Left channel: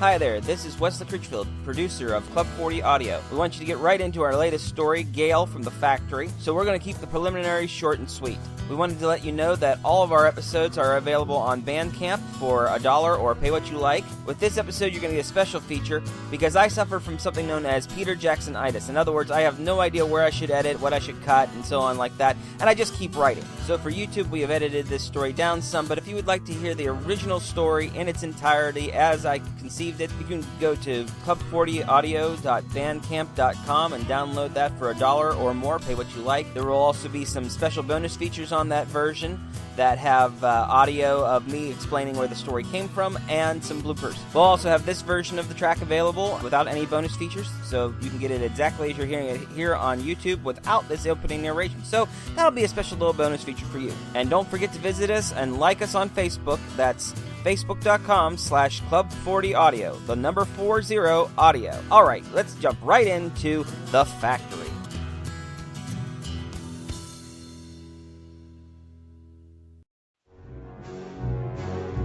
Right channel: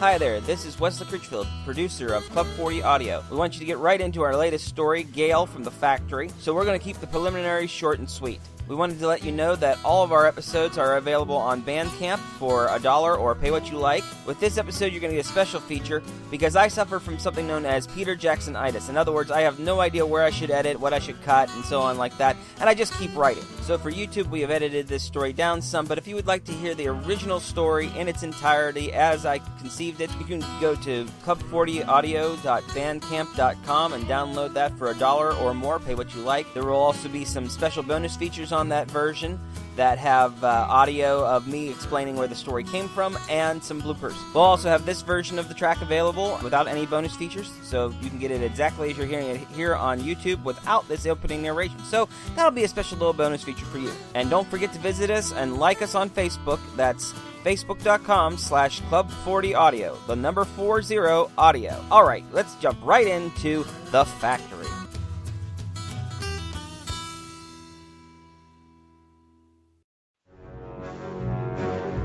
Hi there, this is Wesley Critchfield, producer of Club 40 Audio. We want you to get right into our latest story, GALE from the Factory, so we're going to keep the preliminaries short and sweet. We wanted to let you know that all of our episodes are available on Bandcamp for $1 or pay what you like. With this episode, you're going to get a special feature because I suffer from something known as Peter Jackson-itis. In other words, I have no idea where I should edit, what I should cut, and so on like that, and I just keep writing. So for YouTube, we have edited this story down some, but if you would like to hear the original story in its entirety as I conceived it, you can go to club40audio.bandcamp.com and download that for $1 or more, pay what you like. There will also be some special bonus features on that version that have audio of me explaining where the story came from and some bloopers. We'll also have this version of the track available without any bonus features, so you can get it exactly as you're hearing it here on YouTube without this opening narration. So that'll be a special little bonus feature for you. And don't forget to visit us and like us on Facebook. That's facebook.com/club40audio, the number 40 audio. All right, let's jump right into The Factory.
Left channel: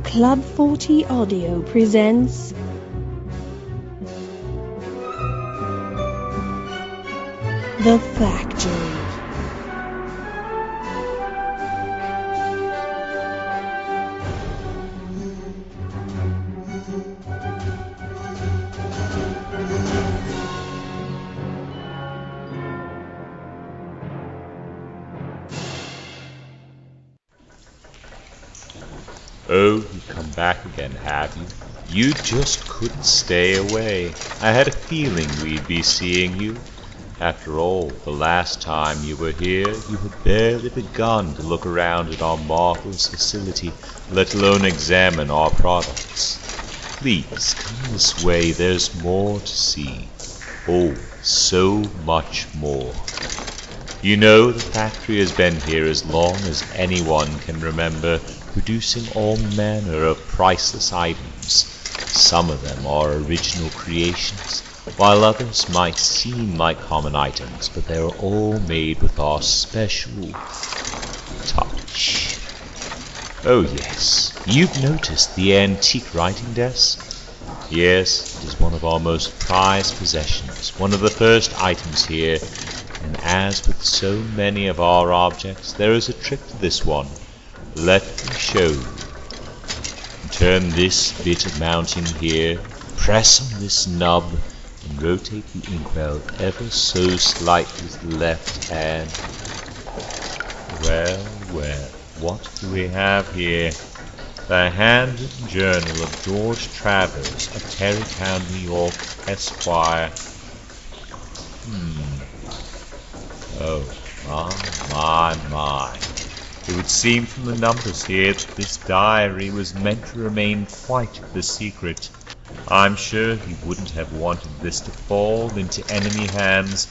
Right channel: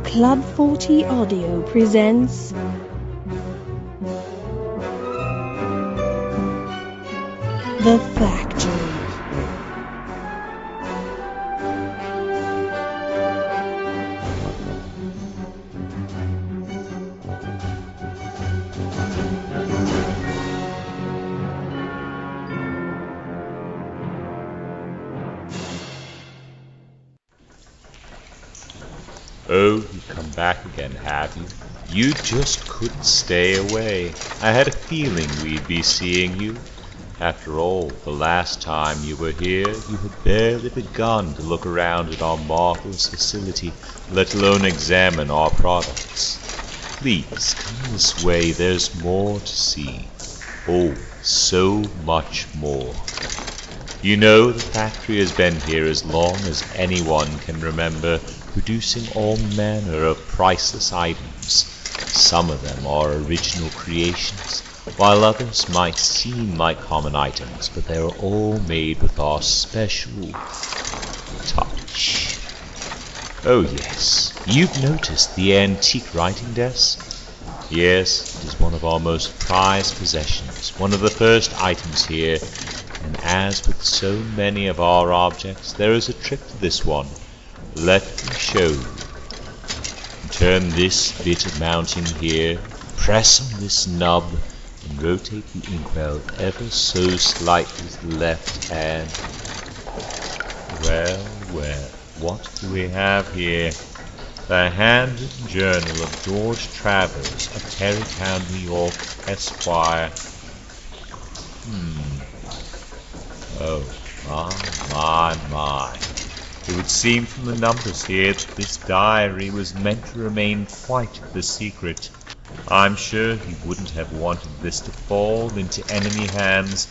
Club 40 Audio presents The Factory. Oh, you've come back again, have you? You just couldn't stay away. I had a feeling we'd be seeing you. After all, the last time you were here, you had barely begun to look around at our marvelous facility, let alone examine our products. Please, come this way, there's more to see. Oh, so much more. You know, the factory has been here as long as anyone can remember, producing all manner of priceless items. Some of them are original creations, while others might seem like common items, but they are all made with our special touch. Oh yes, you've noticed the antique writing desk? Yes, it is one of our most prized possessions, one of the first items here, and as with so many of our objects, there is a trick to this one. Let me show you. Turn this bit of mounting here, press on this knob, and rotate the inkwell ever so slightly with the left hand. Well, well, what do we have here? The handwritten journal of George Travers of Tarrytown, New York, Esquire. Oh, my. It would seem from the numbers here that this diary was meant to remain quite the secret. I'm sure he wouldn't have wanted this to fall into enemy hands,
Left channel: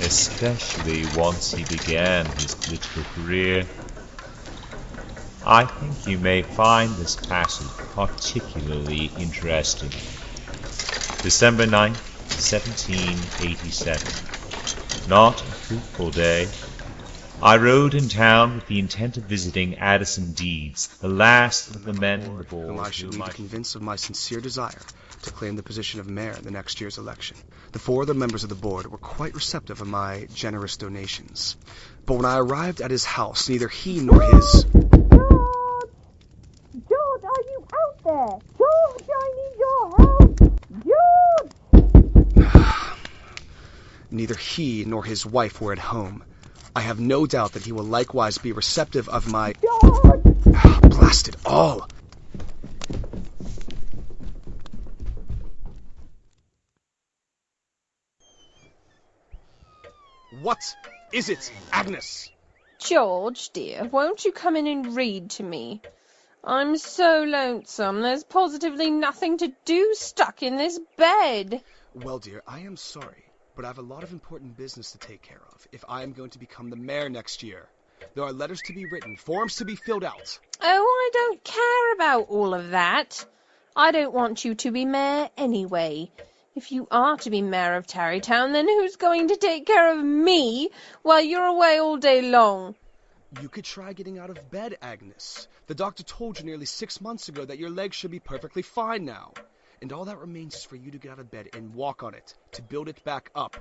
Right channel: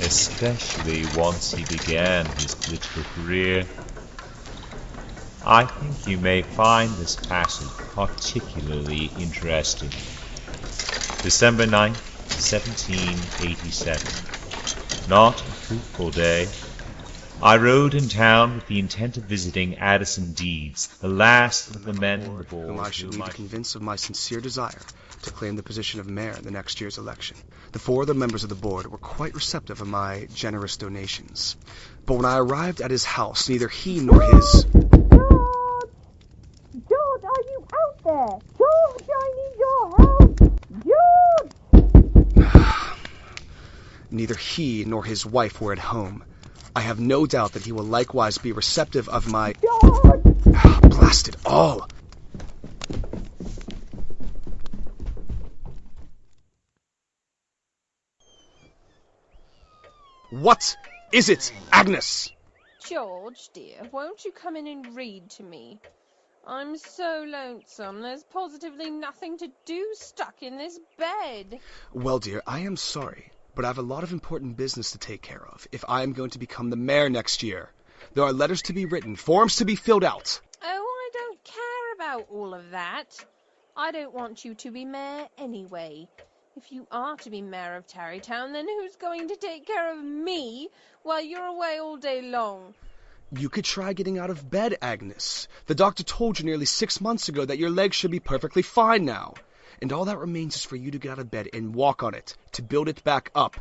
especially once he began his political career. I think you may find this passage particularly interesting. December 9th, 1787. Not a fruitful day. I rode in town with the intent of visiting Addison Deeds, the last of the men on the board whom I should need to convince of my sincere desire to claim the position of mayor in the next year's election. The 4 other members of the board were quite receptive of my generous donations. But when I arrived at his house, neither he nor his... George, are you out there? George, I need your help! George! Neither he nor his wife were at home. I have no doubt that he will likewise be receptive of my... George! Blast it all! What is it, Agnes? George, dear, won't you come in and read to me? I'm so lonesome. There's positively nothing to do stuck in this bed. Well, dear, I am sorry, but I have a lot of important business to take care of if I am going to become the mayor next year. There are letters to be written, forms to be filled out. Oh, I don't care about all of that. I don't want you to be mayor anyway. If you are to be mayor of Tarrytown, then who's going to take care of me while you're away all day long? You could try getting out of bed, Agnes. The doctor told you nearly 6 months ago that your legs should be perfectly fine now. And all that remains is for you to get out of bed and walk on it, to build it back up.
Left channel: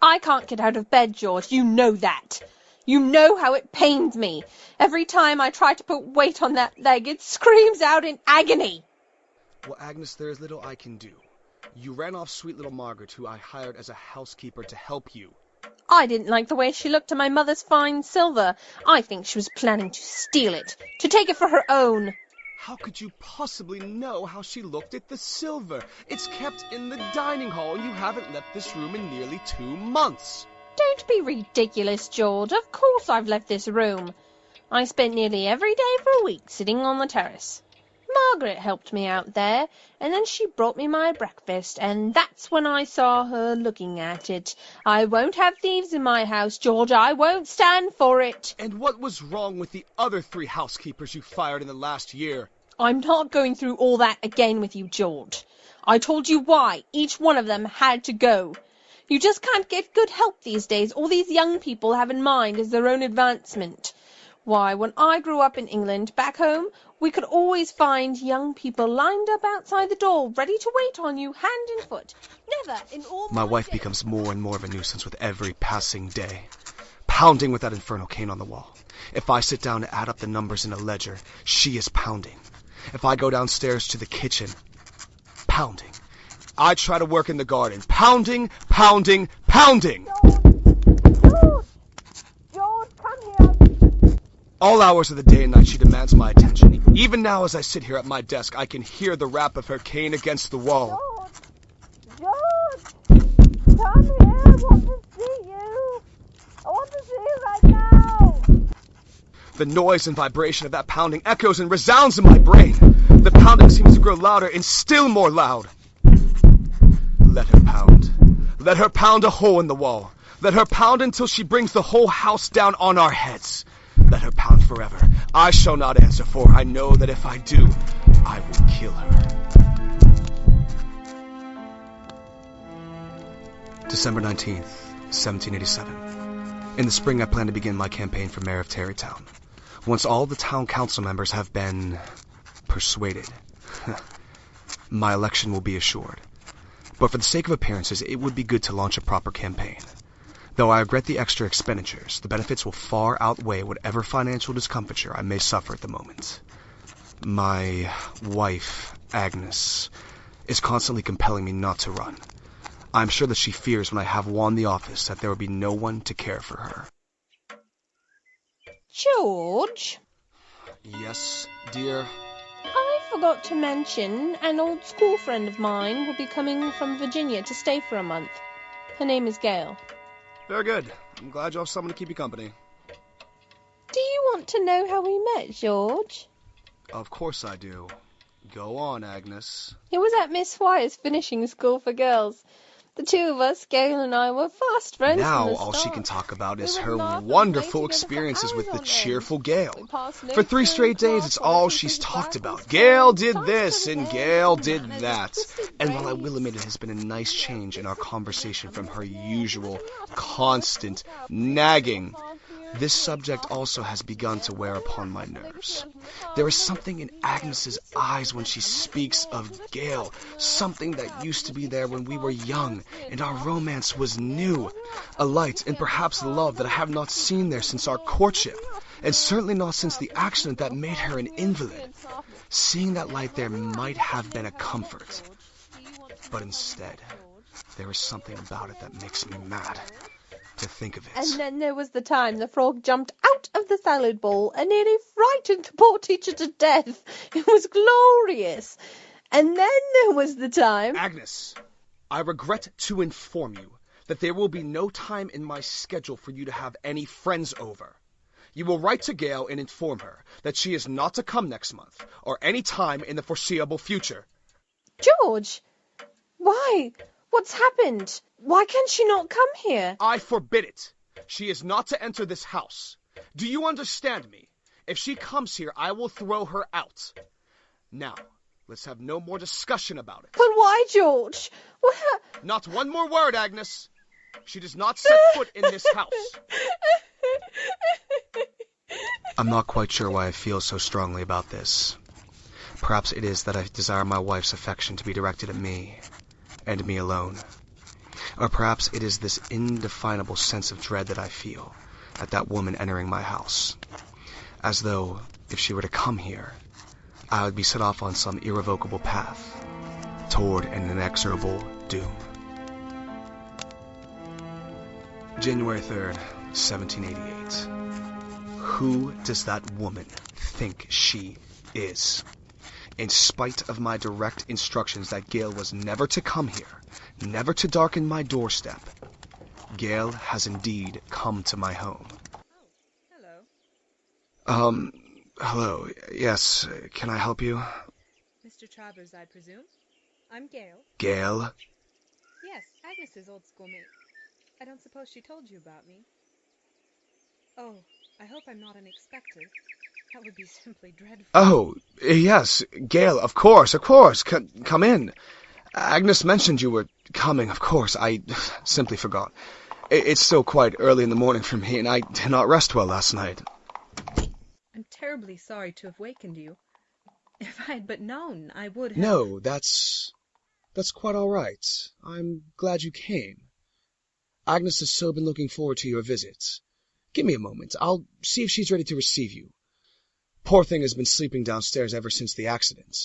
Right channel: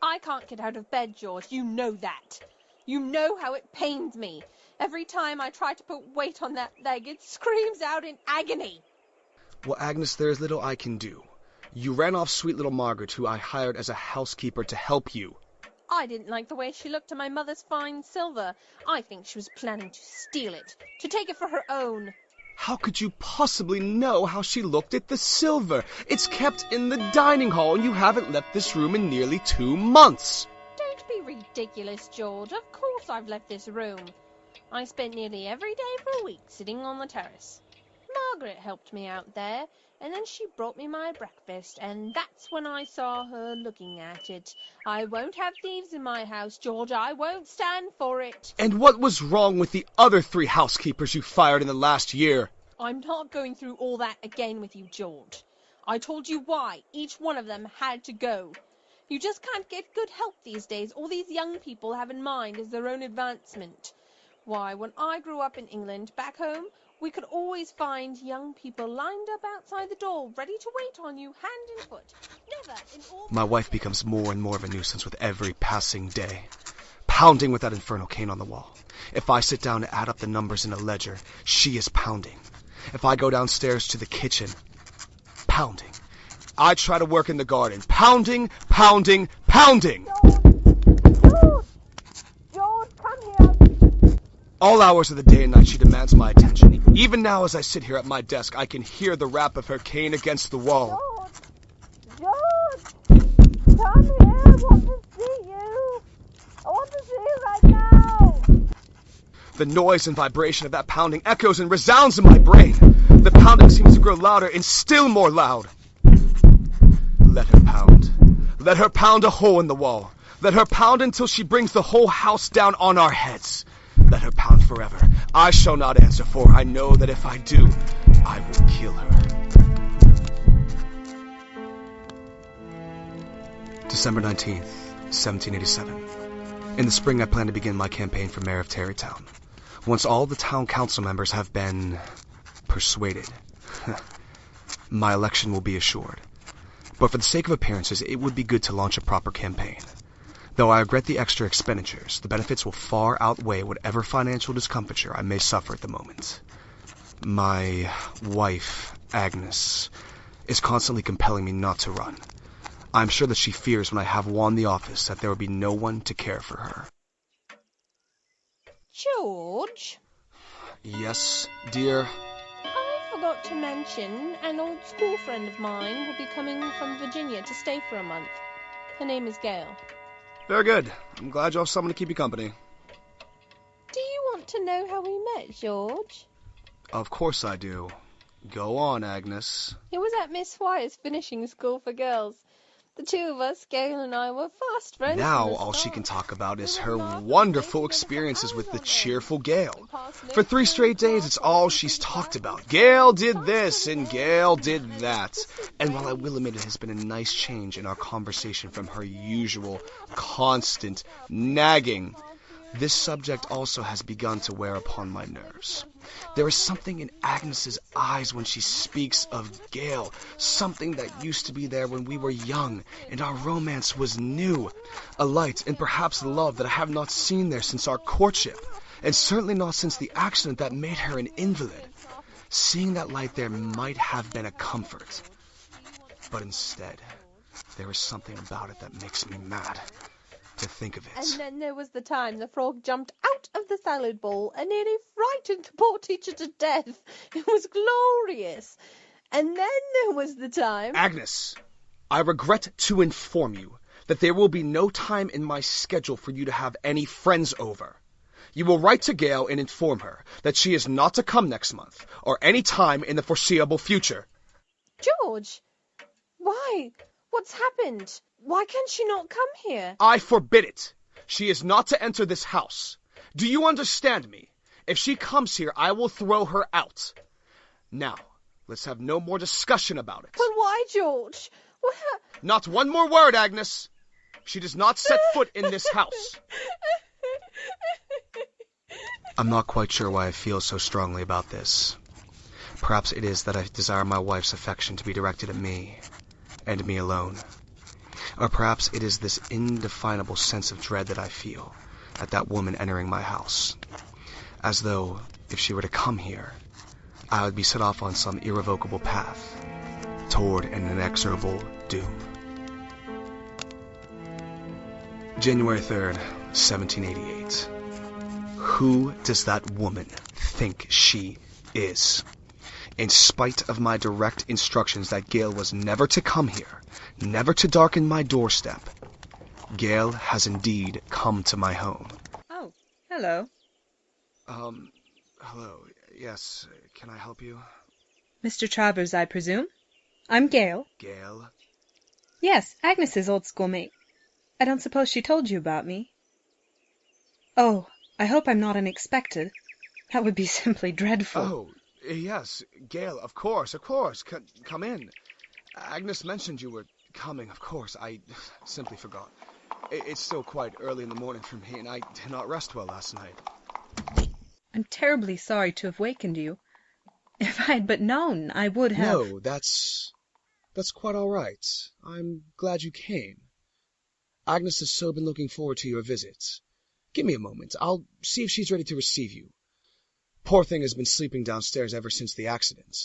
I can't get out of bed, George. You know that. You know how it pains me. Every time I try to put weight on that leg, it screams out in agony. Well, Agnes, there is little I can do. You ran off sweet little Margaret, who I hired as a housekeeper to help you. I didn't like the way she looked at my mother's fine silver. I think she was planning to steal it, to take it for her own. How could you possibly know how she looked at the silver? It's kept in the dining hall, and you haven't left this room in nearly 2 months. Don't be ridiculous, George. Of course I've left this room. I spent nearly every day for a week sitting on the terrace. Margaret helped me out there, and then she brought me my breakfast, and that's when I saw her looking at it. I won't have thieves in my house, George. I won't stand for it. And what was wrong with the other 3 housekeepers you fired in the last year? I'm not going through all that again with you, George. I told you why each one of them had to go. You just can't get good help these days. All these young people have in mind is their own advancement. Why, when I grew up in England, back home, we could always find young people lined up outside the door, ready to wait on you, hand and foot. Never in all My wife becomes more and more of a nuisance with every passing day, pounding with that infernal cane on the wall. If I sit down to add up the numbers in a ledger, she is pounding. If I go downstairs to the kitchen, pounding. I try to work in the garden, pounding, pounding, pounding. George, come here. All hours of the day and night she demands my attention. Even now as I sit here at my desk, I can hear the rap of her cane against the wall. George, come here. I want to see you. I want to see you right now. The noise and vibration of that pounding echoes and resounds in my brain. The pounding seems to grow louder and still more loud. Let her pound. Let her pound a hole in the wall. Let her pound until she brings the whole house down on our heads. Let her pound forever. I shall not answer, for I know that if I do, I will kill her. December 19th, 1787. In the spring, I plan to begin my campaign for mayor of Tarrytown. Once all the town council members have been persuaded, my election will be assured. But for the sake of appearances, it would be good to launch a proper campaign. Though I regret the extra expenditures, the benefits will far outweigh whatever financial discomfiture I may suffer at the moment. My wife, Agnes, is constantly compelling me not to run. I'm sure that she fears when I have won the office that there will be no one to care for her. George? Yes, dear? I forgot to mention an old school friend of mine will be coming from Virginia to stay for a month. Her name is GALE. Very good. I'm glad you have someone to keep you company. Do you want to know how we met, George? Of course I do. Go on, Agnes. It was at Miss Wyer's finishing school for girls. The two of us, GALE and I, were fast friends. Now from the all she start. can talk about is We her would laugh and wonderful play together for experiences with hours the on end. cheerful Gale. We passed For notes 3 in straight days, class, it's all lessons she's in talked class, about. and Gale songs, did songs this for the and day, Gale and did manners, that. twisted And while I phrase. will admit it has been a nice change in our conversation from her usual, constant nagging, this subject also has begun to wear upon my nerves. There is something in Agnes's eyes when she speaks of Gale, something that used to be there when we were young and our romance was new, a light and perhaps love that I have not seen there since our courtship, and certainly not since the accident that made her an invalid. Seeing that light there might have been a comfort, but instead, there is something about it that makes me mad. To think of it. And then there was the time the frog jumped out of the salad bowl and nearly frightened the poor teacher to death. It was glorious. And then there was the time... Agnes, I regret to inform you that there will be no time in my schedule for you to have any friends over. You will write to Gale and inform her that she is not to come next month or any time in the foreseeable future. George! Why? What's happened? Why can she not come here? I forbid it. She is not to enter this house. Do you understand me? If she comes here, I will throw her out. Now, let's have no more discussion about it. But why, George? Not one more word, Agnes. She does not set foot in this house. I'm not quite sure why I feel so strongly about this. Perhaps it is that I desire my wife's affection to be directed at me, and me alone. Or perhaps it is this indefinable sense of dread that I feel at that woman entering my house. As though, if she were to come here, I would be set off on some irrevocable path toward an inexorable doom. January 3rd, 1788. Who does that woman think she is? In spite of my direct instructions that Gale was never to come here, never to darken my doorstep, Gale has indeed come to my home. Oh, hello. Hello. Yes, can I help you? Mr. Travers, I presume? I'm Gale. Gale? Yes, Agnes's old schoolmate. I don't suppose she told you about me. Oh, I hope I'm not unexpected. That would be simply dreadful. Oh, yes, Gale, of course. Come in. Agnes mentioned you were coming, of course. I simply forgot. It's still quite early in the morning for me, and I did not rest well last night. I'm terribly sorry to have wakened you. If I had but known, I would have... No, that's quite all right. I'm glad you came. Agnes has so been looking forward to your visit. Give me a moment. I'll see if she's ready to receive you. Poor thing has been sleeping downstairs ever since the accident.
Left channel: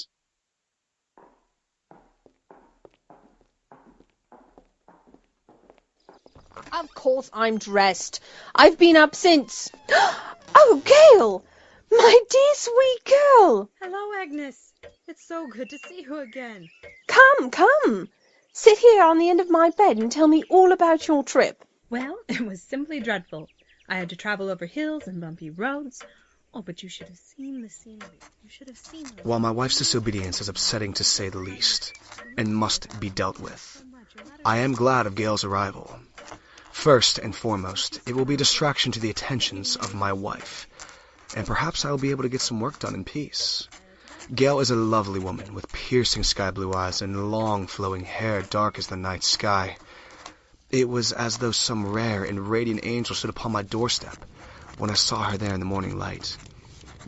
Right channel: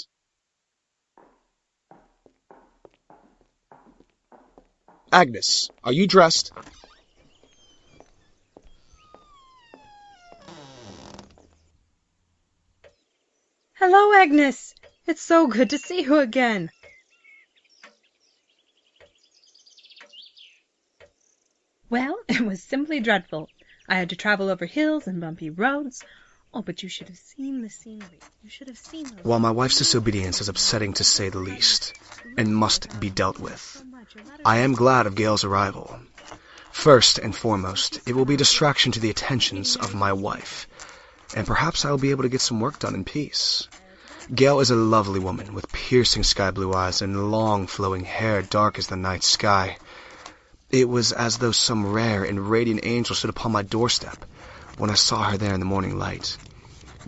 Agnes, are you dressed? Of course I'm dressed. I've been up since... Oh, Gale! My dear sweet girl! Hello, Agnes. It's so good to see you again. Come. Sit here on the end of my bed and tell me all about your trip. Well, it was simply dreadful. I had to travel over hills and bumpy roads. Oh, but you should have seen the scenery. You should have seen the... While my wife's disobedience is upsetting to say the least, and must be dealt with, I am glad of Gale's arrival. First and foremost, it will be a distraction to the attentions of my wife, and perhaps I will be able to get some work done in peace. Gale is a lovely woman with piercing sky blue eyes and long flowing hair dark as the night sky. It was as though some rare and radiant angel stood upon my doorstep when I saw her there in the morning light.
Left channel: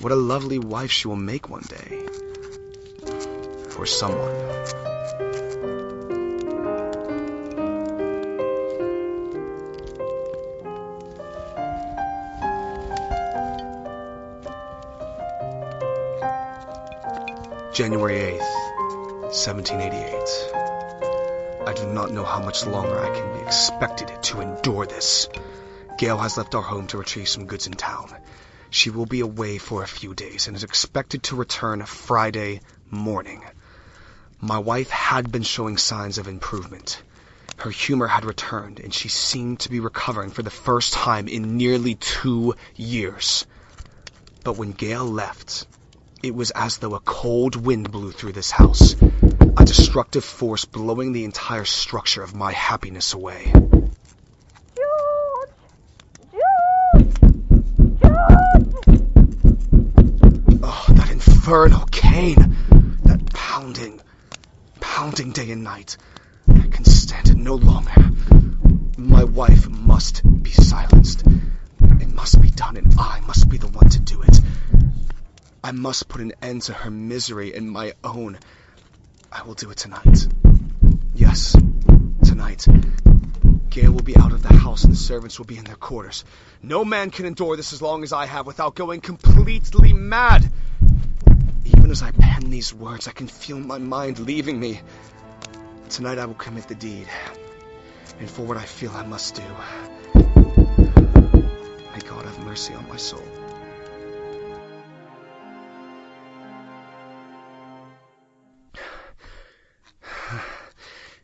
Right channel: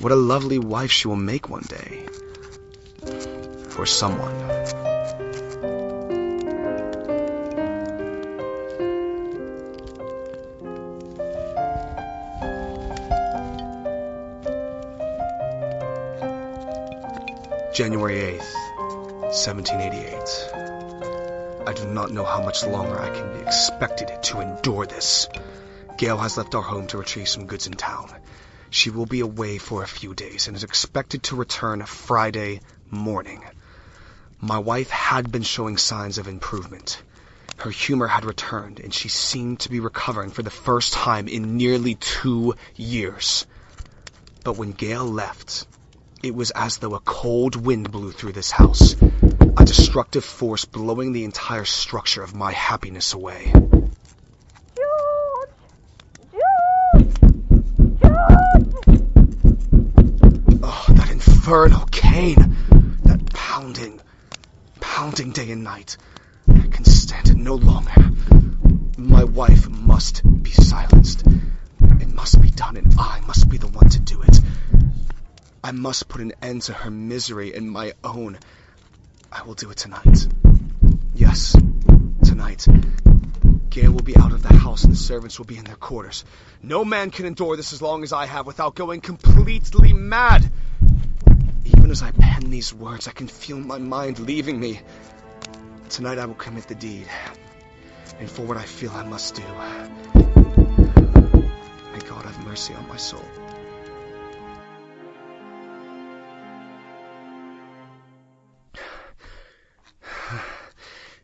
What a lovely wife she will make one day. For someone. January 8th, 1788. I do not know how much longer I can be expected to endure this. Gale has left our home to retrieve some goods in town. She will be away for a few days and is expected to return Friday morning. My wife had been showing signs of improvement. Her humor had returned, and she seemed to be recovering for the first time in nearly 2 years. But when Gale left, it was as though a cold wind blew through this house, a destructive force blowing the entire structure of my happiness away. Oh, that infernal cane! That pounding day and night. I can stand it no longer. My wife must be silenced. It must be done, and I must be the one to do it. I must put an end to her misery and my own. I will do it tonight. Yes, tonight. Gale will be out of the house and the servants will be in their quarters. No man can endure this as long as I have without going completely mad. Even as I pen these words, I can feel my mind leaving me. Tonight I will commit the deed, and for what I feel I must do. May God have mercy on my soul.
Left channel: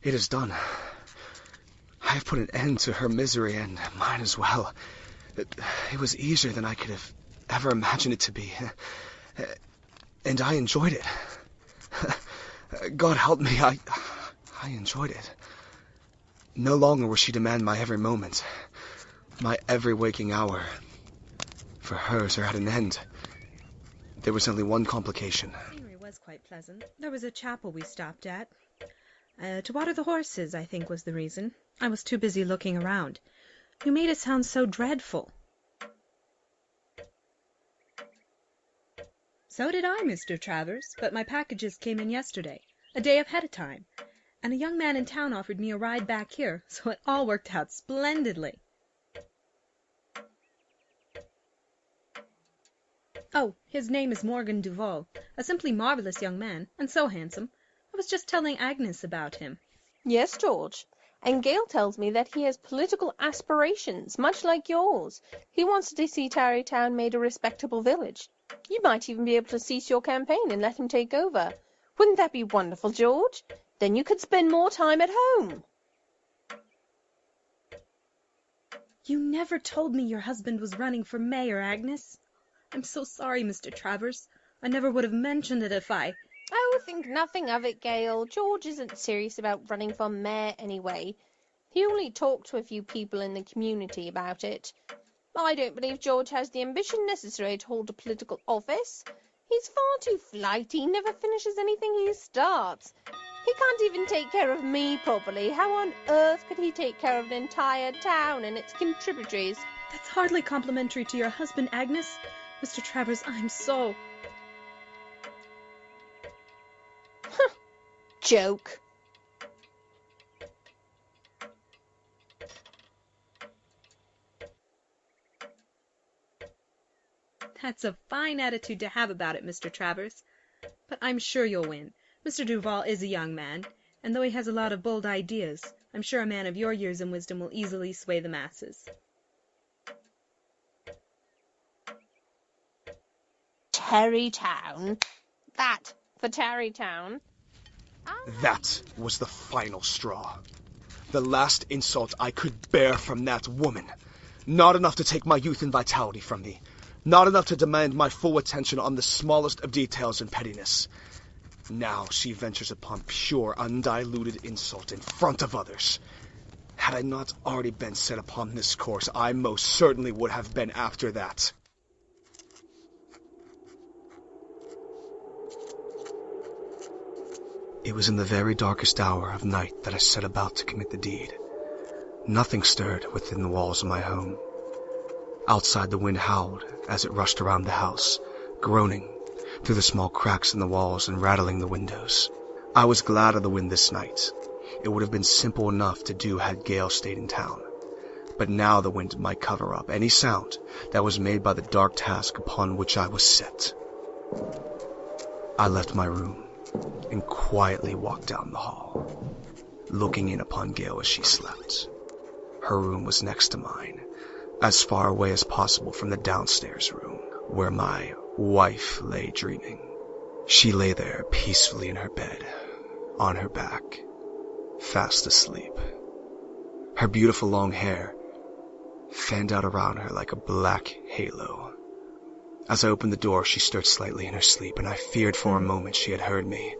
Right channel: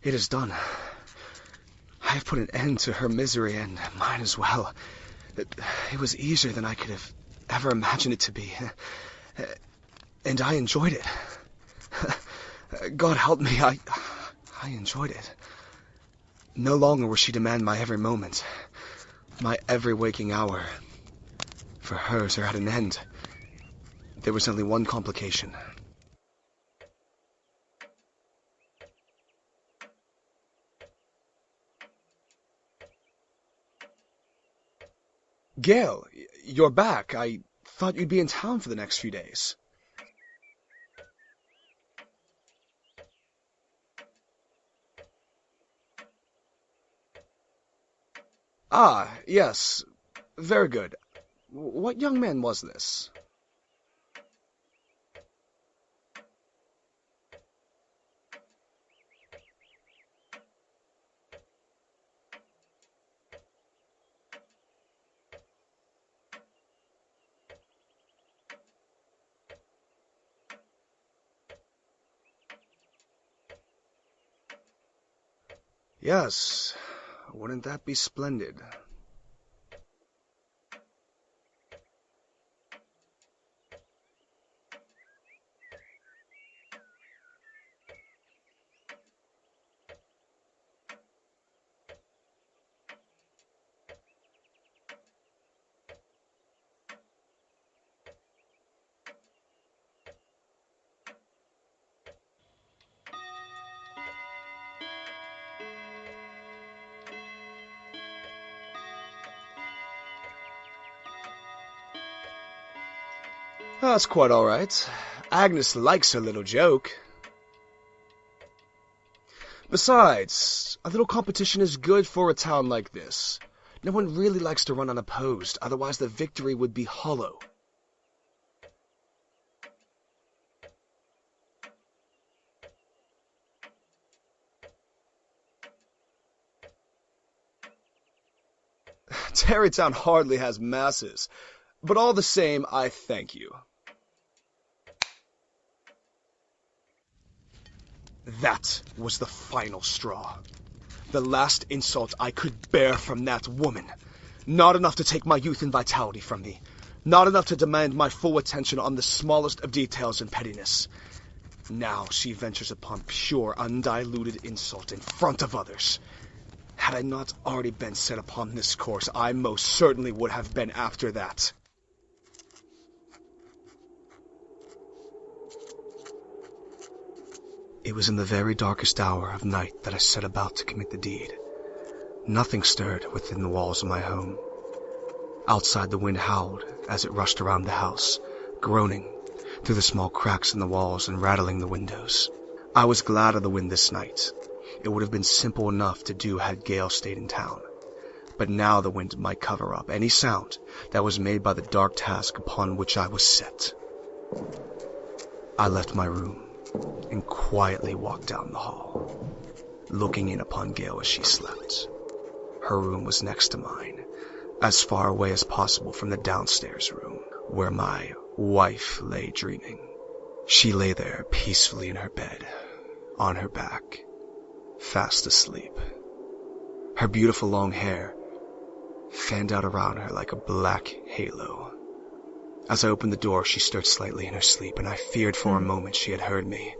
It is done. I have put an end to her misery and mine as well. It was easier than I could have ever imagined it to be. And I enjoyed it. God help me, I enjoyed it. No longer will she demand my every moment, my every waking hour. For hers are at an end. There was only one complication. It was quite pleasant. There was a chapel we stopped at. To water the horses, I think, was the reason. I was too busy looking around. You made it sound so dreadful. Gale, you're back. I thought you'd be in town for the next few days. So did I, Mr. Travers, but my packages came in yesterday, a day ahead of time, and a young man in town offered me a ride back here, so it all worked out splendidly. Ah, yes. Very good. What young man was this? Oh, his name is Morgan Duval, a simply marvelous young man, and so handsome. I was just telling Agnes about him. Yes, George. And Gale tells me that he has political aspirations, much like yours. He wants to see Tarrytown made a respectable village. You might even be able to cease your campaign and let him take over. Wouldn't that be wonderful, George? Then you could spend more time at home. Yes. Wouldn't that be splendid? You never told me your husband was running for mayor, Agnes. I'm so sorry, Mr. Travers. I never would have mentioned it if I... Oh, think nothing of it, Gale. George isn't serious about running for mayor anyway. He only talked to a few people in the community about it. I don't believe George has the ambition necessary to hold a political office. He's far too flighty, never finishes anything he starts. He can't even take care of me properly. How on earth could he take care of an entire town and its contributaries? That's hardly complimentary to your husband, Agnes. Mr. Travers, I'm so... That's quite all right. Agnes likes her little joke. Joke. Besides, a little competition is good for a town like this. No one really likes to run unopposed, otherwise the victory would be hollow. That's a fine attitude to have about it, Mr. Travers. But I'm sure you'll win. Mr. Duval is a young man, and though he has a lot of bold ideas, I'm sure a man of your years and wisdom will easily sway the masses. Tarrytown hardly has masses, but all the same, I thank you. Tarrytown? That for Tarrytown? That was the final straw. The last insult I could bear from that woman. Not enough to take my youth and vitality from me. Not enough to demand my full attention on the smallest of details and pettiness. Now she ventures upon pure, undiluted insult in front of others. Had I not already been set upon this course, I most certainly would have been after that. It was in the very darkest hour of night that I set about to commit the deed. Nothing stirred within the walls of my home. Outside, the wind howled as it rushed around the house, groaning through the small cracks in the walls and rattling the windows. I was glad of the wind this night. It would have been simple enough to do had Gale stayed in town. But now the wind might cover up any sound that was made by the dark task upon which I was set. I left my room and quietly walked down the hall, looking in upon Gale as she slept. Her room was next to mine, as far away as possible from the downstairs room, where my wife lay dreaming. She lay there peacefully in her bed, on her back, fast asleep. Her beautiful long hair fanned out around her like a black halo. As I opened the door, she stirred slightly in her sleep, and I feared for a moment she had heard me.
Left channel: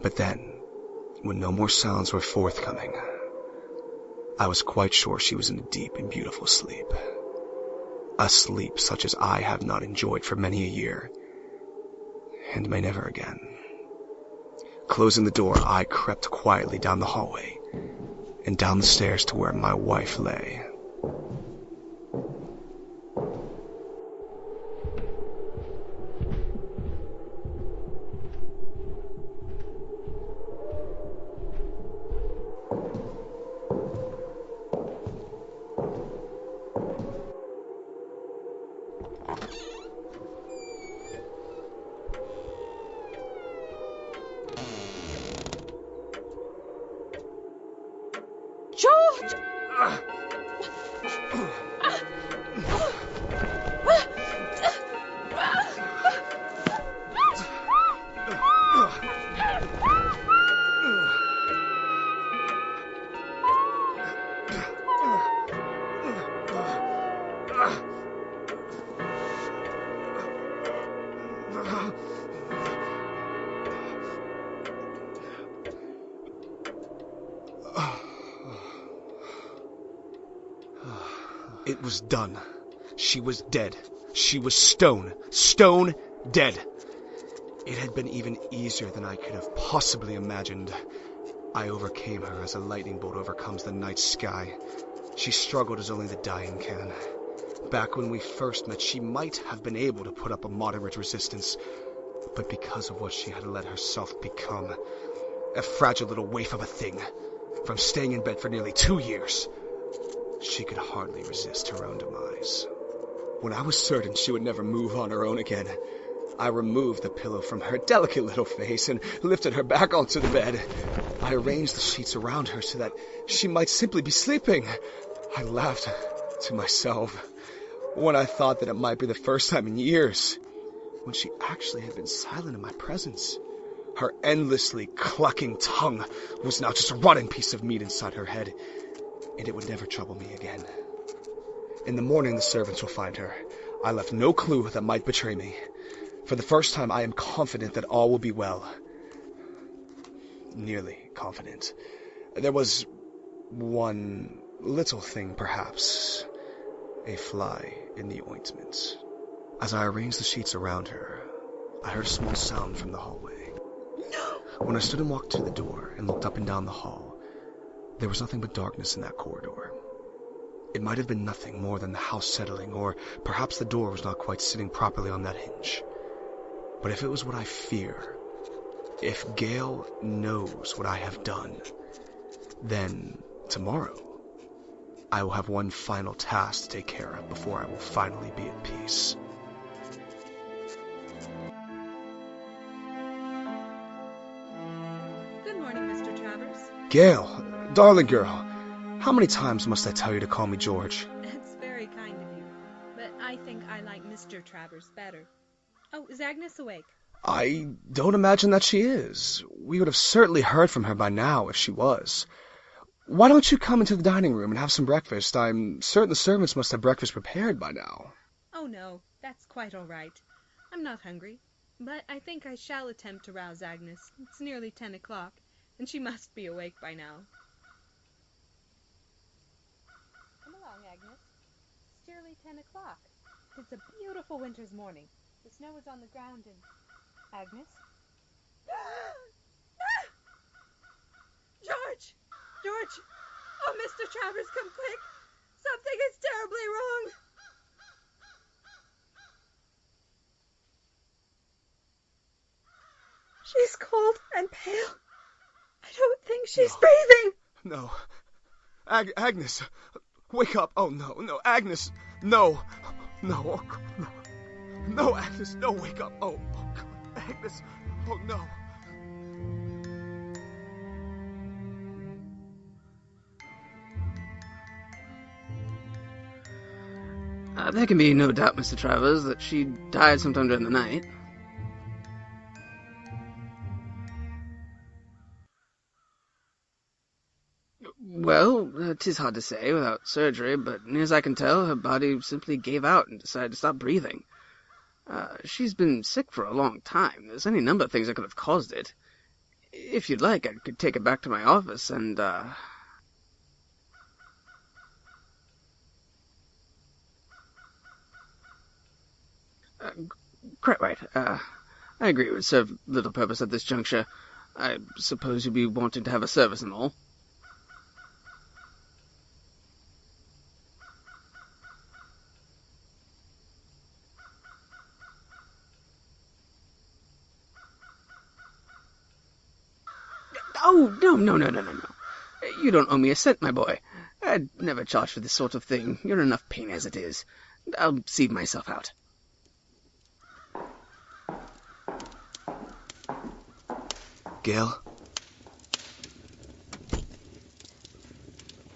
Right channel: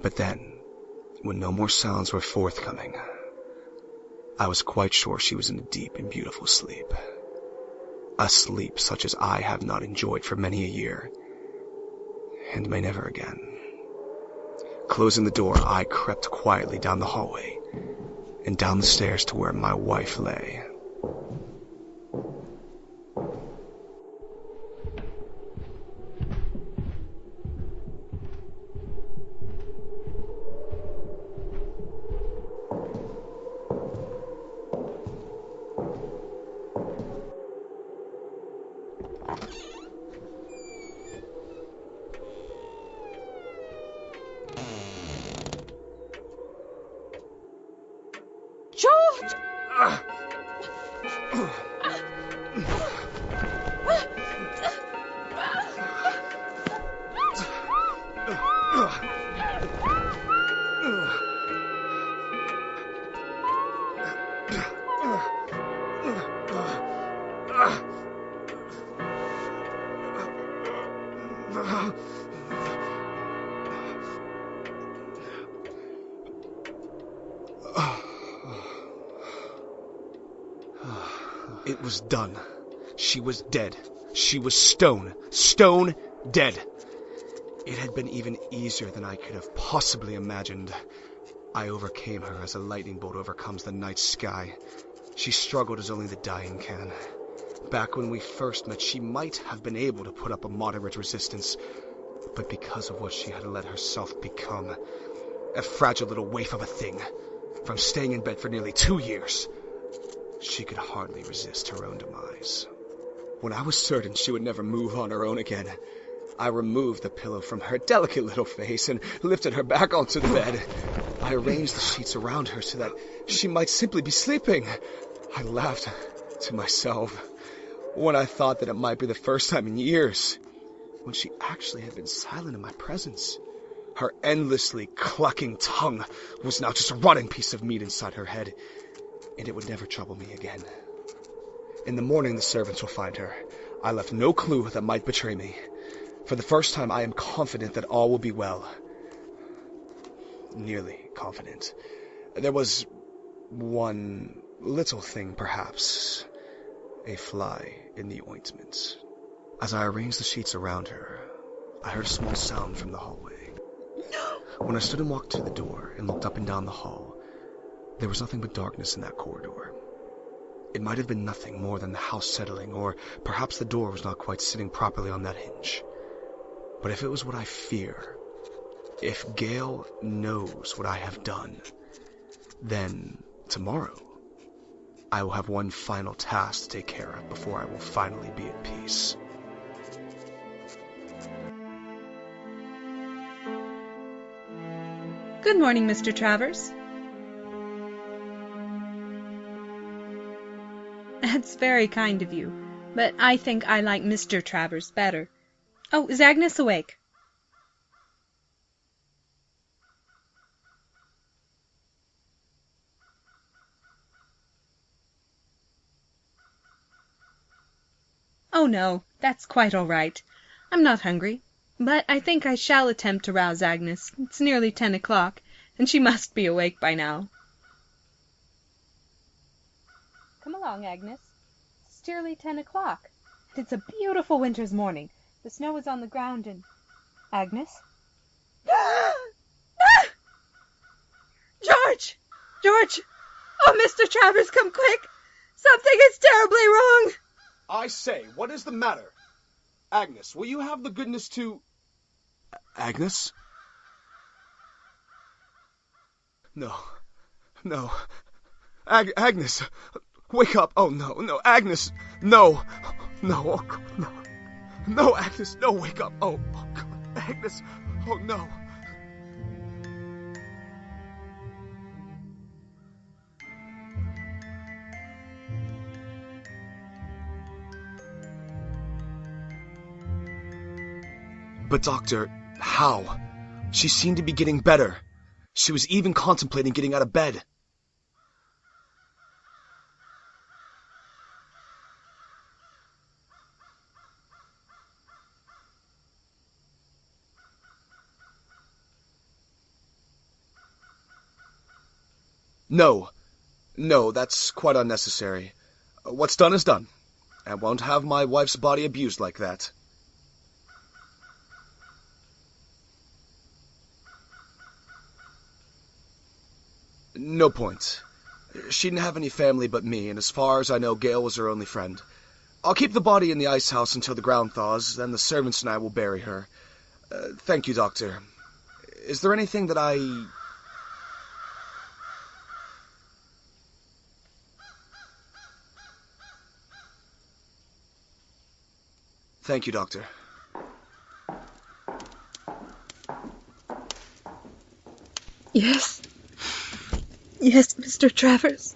But then, when no more sounds were forthcoming, I was quite sure she was in a deep and beautiful sleep. A sleep such as I have not enjoyed for many a year, and may never again. Closing the door, I crept quietly down the hallway, and down the stairs to where my wife lay. George! It was done. She was dead. She was stone dead. It had been even easier than I could have possibly imagined. I overcame her as a lightning bolt overcomes the night sky. She struggled as only the dying can. Back when we first met, she might have been able to put up a moderate resistance, but because of what she had let herself become, a fragile little waif of a thing, from staying in bed for nearly 2 years, she could hardly resist her own demise. When I was certain she would never move on her own again, I removed the pillow from her delicate little face and lifted her back onto the bed. I arranged the sheets around her so that she might simply be sleeping. I laughed to myself when I thought that it might be the first time in years when she actually had been silent in my presence. Her endlessly clucking tongue was now just a rotting piece of meat inside her head, and it would never trouble me again. In the morning, the servants will find her. I left no clue that might betray me. For the first time, I am confident that all will be well. Nearly confident. There was one little thing, perhaps. A fly in the ointment. As I arranged the sheets around her, I heard a small sound from the hallway. When I stood and walked to the door and looked up and down the hall, there was nothing but darkness in that corridor. It might have been nothing more than the house settling, or perhaps the door was not quite sitting properly on that hinge. But if it was what I fear, if GALE knows what I have done, then tomorrow I will have one final task to take care of before I will finally be at peace. Good morning, Mr. Travers. GALE, darling girl, how many times must I tell you to call me George? That's very kind of you, but I think I like Mr. Travers better. Oh, is Agnes awake? I don't imagine that she is. We would have certainly heard from her by now if she was. Why don't you come into the dining room and have some breakfast? I'm certain the servants must have breakfast prepared by now. Oh, no, that's quite all right. I'm not hungry, but I think I shall attempt to rouse Agnes. It's nearly 10 o'clock, and she must be awake by now. Come along, Agnes. It's nearly 10 o'clock. It's a beautiful winter's morning. The snow is on the ground and... Agnes? George! George! Oh, Mr. Travers, come quick! Something is terribly wrong! I say, what is the matter? Agnes, will you have the goodness to... Agnes? She's cold and pale. I don't think she's No. breathing. No. Agnes, wake up. Oh, no, Agnes, no. No, oh, God, no. No, Agnes, no, wake up. Oh, God, Agnes, oh, no. There can be no doubt, Mr. Travers, that she died sometime during the night. But, Doctor, how? She seemed to be getting better. She was even contemplating getting out of bed. Well, 'tis hard to say without surgery, but near as I can tell, her body simply gave out and decided to stop breathing. She's been sick for a long time. There's any number of things that could have caused it. If you'd like, I could take her back to my office and, No, that's quite unnecessary. What's done is done. I won't have my wife's body abused like that. Quite right. I agree it would serve little purpose at this juncture. I suppose you'd be wanting to have a service and all. No point. She didn't have any family but me, and as far as I know, GALE was her only friend. I'll keep the body in the ice house until the ground thaws, then the servants and I will bury her. Thank you, Doctor. Is there anything that I... Oh, no. You don't owe me a cent, my boy. I'd never charge for this sort of thing. You're in enough pain as it is. I'll see myself out. Thank you, Doctor. GALE? Yes. Yes, Mr. Travers.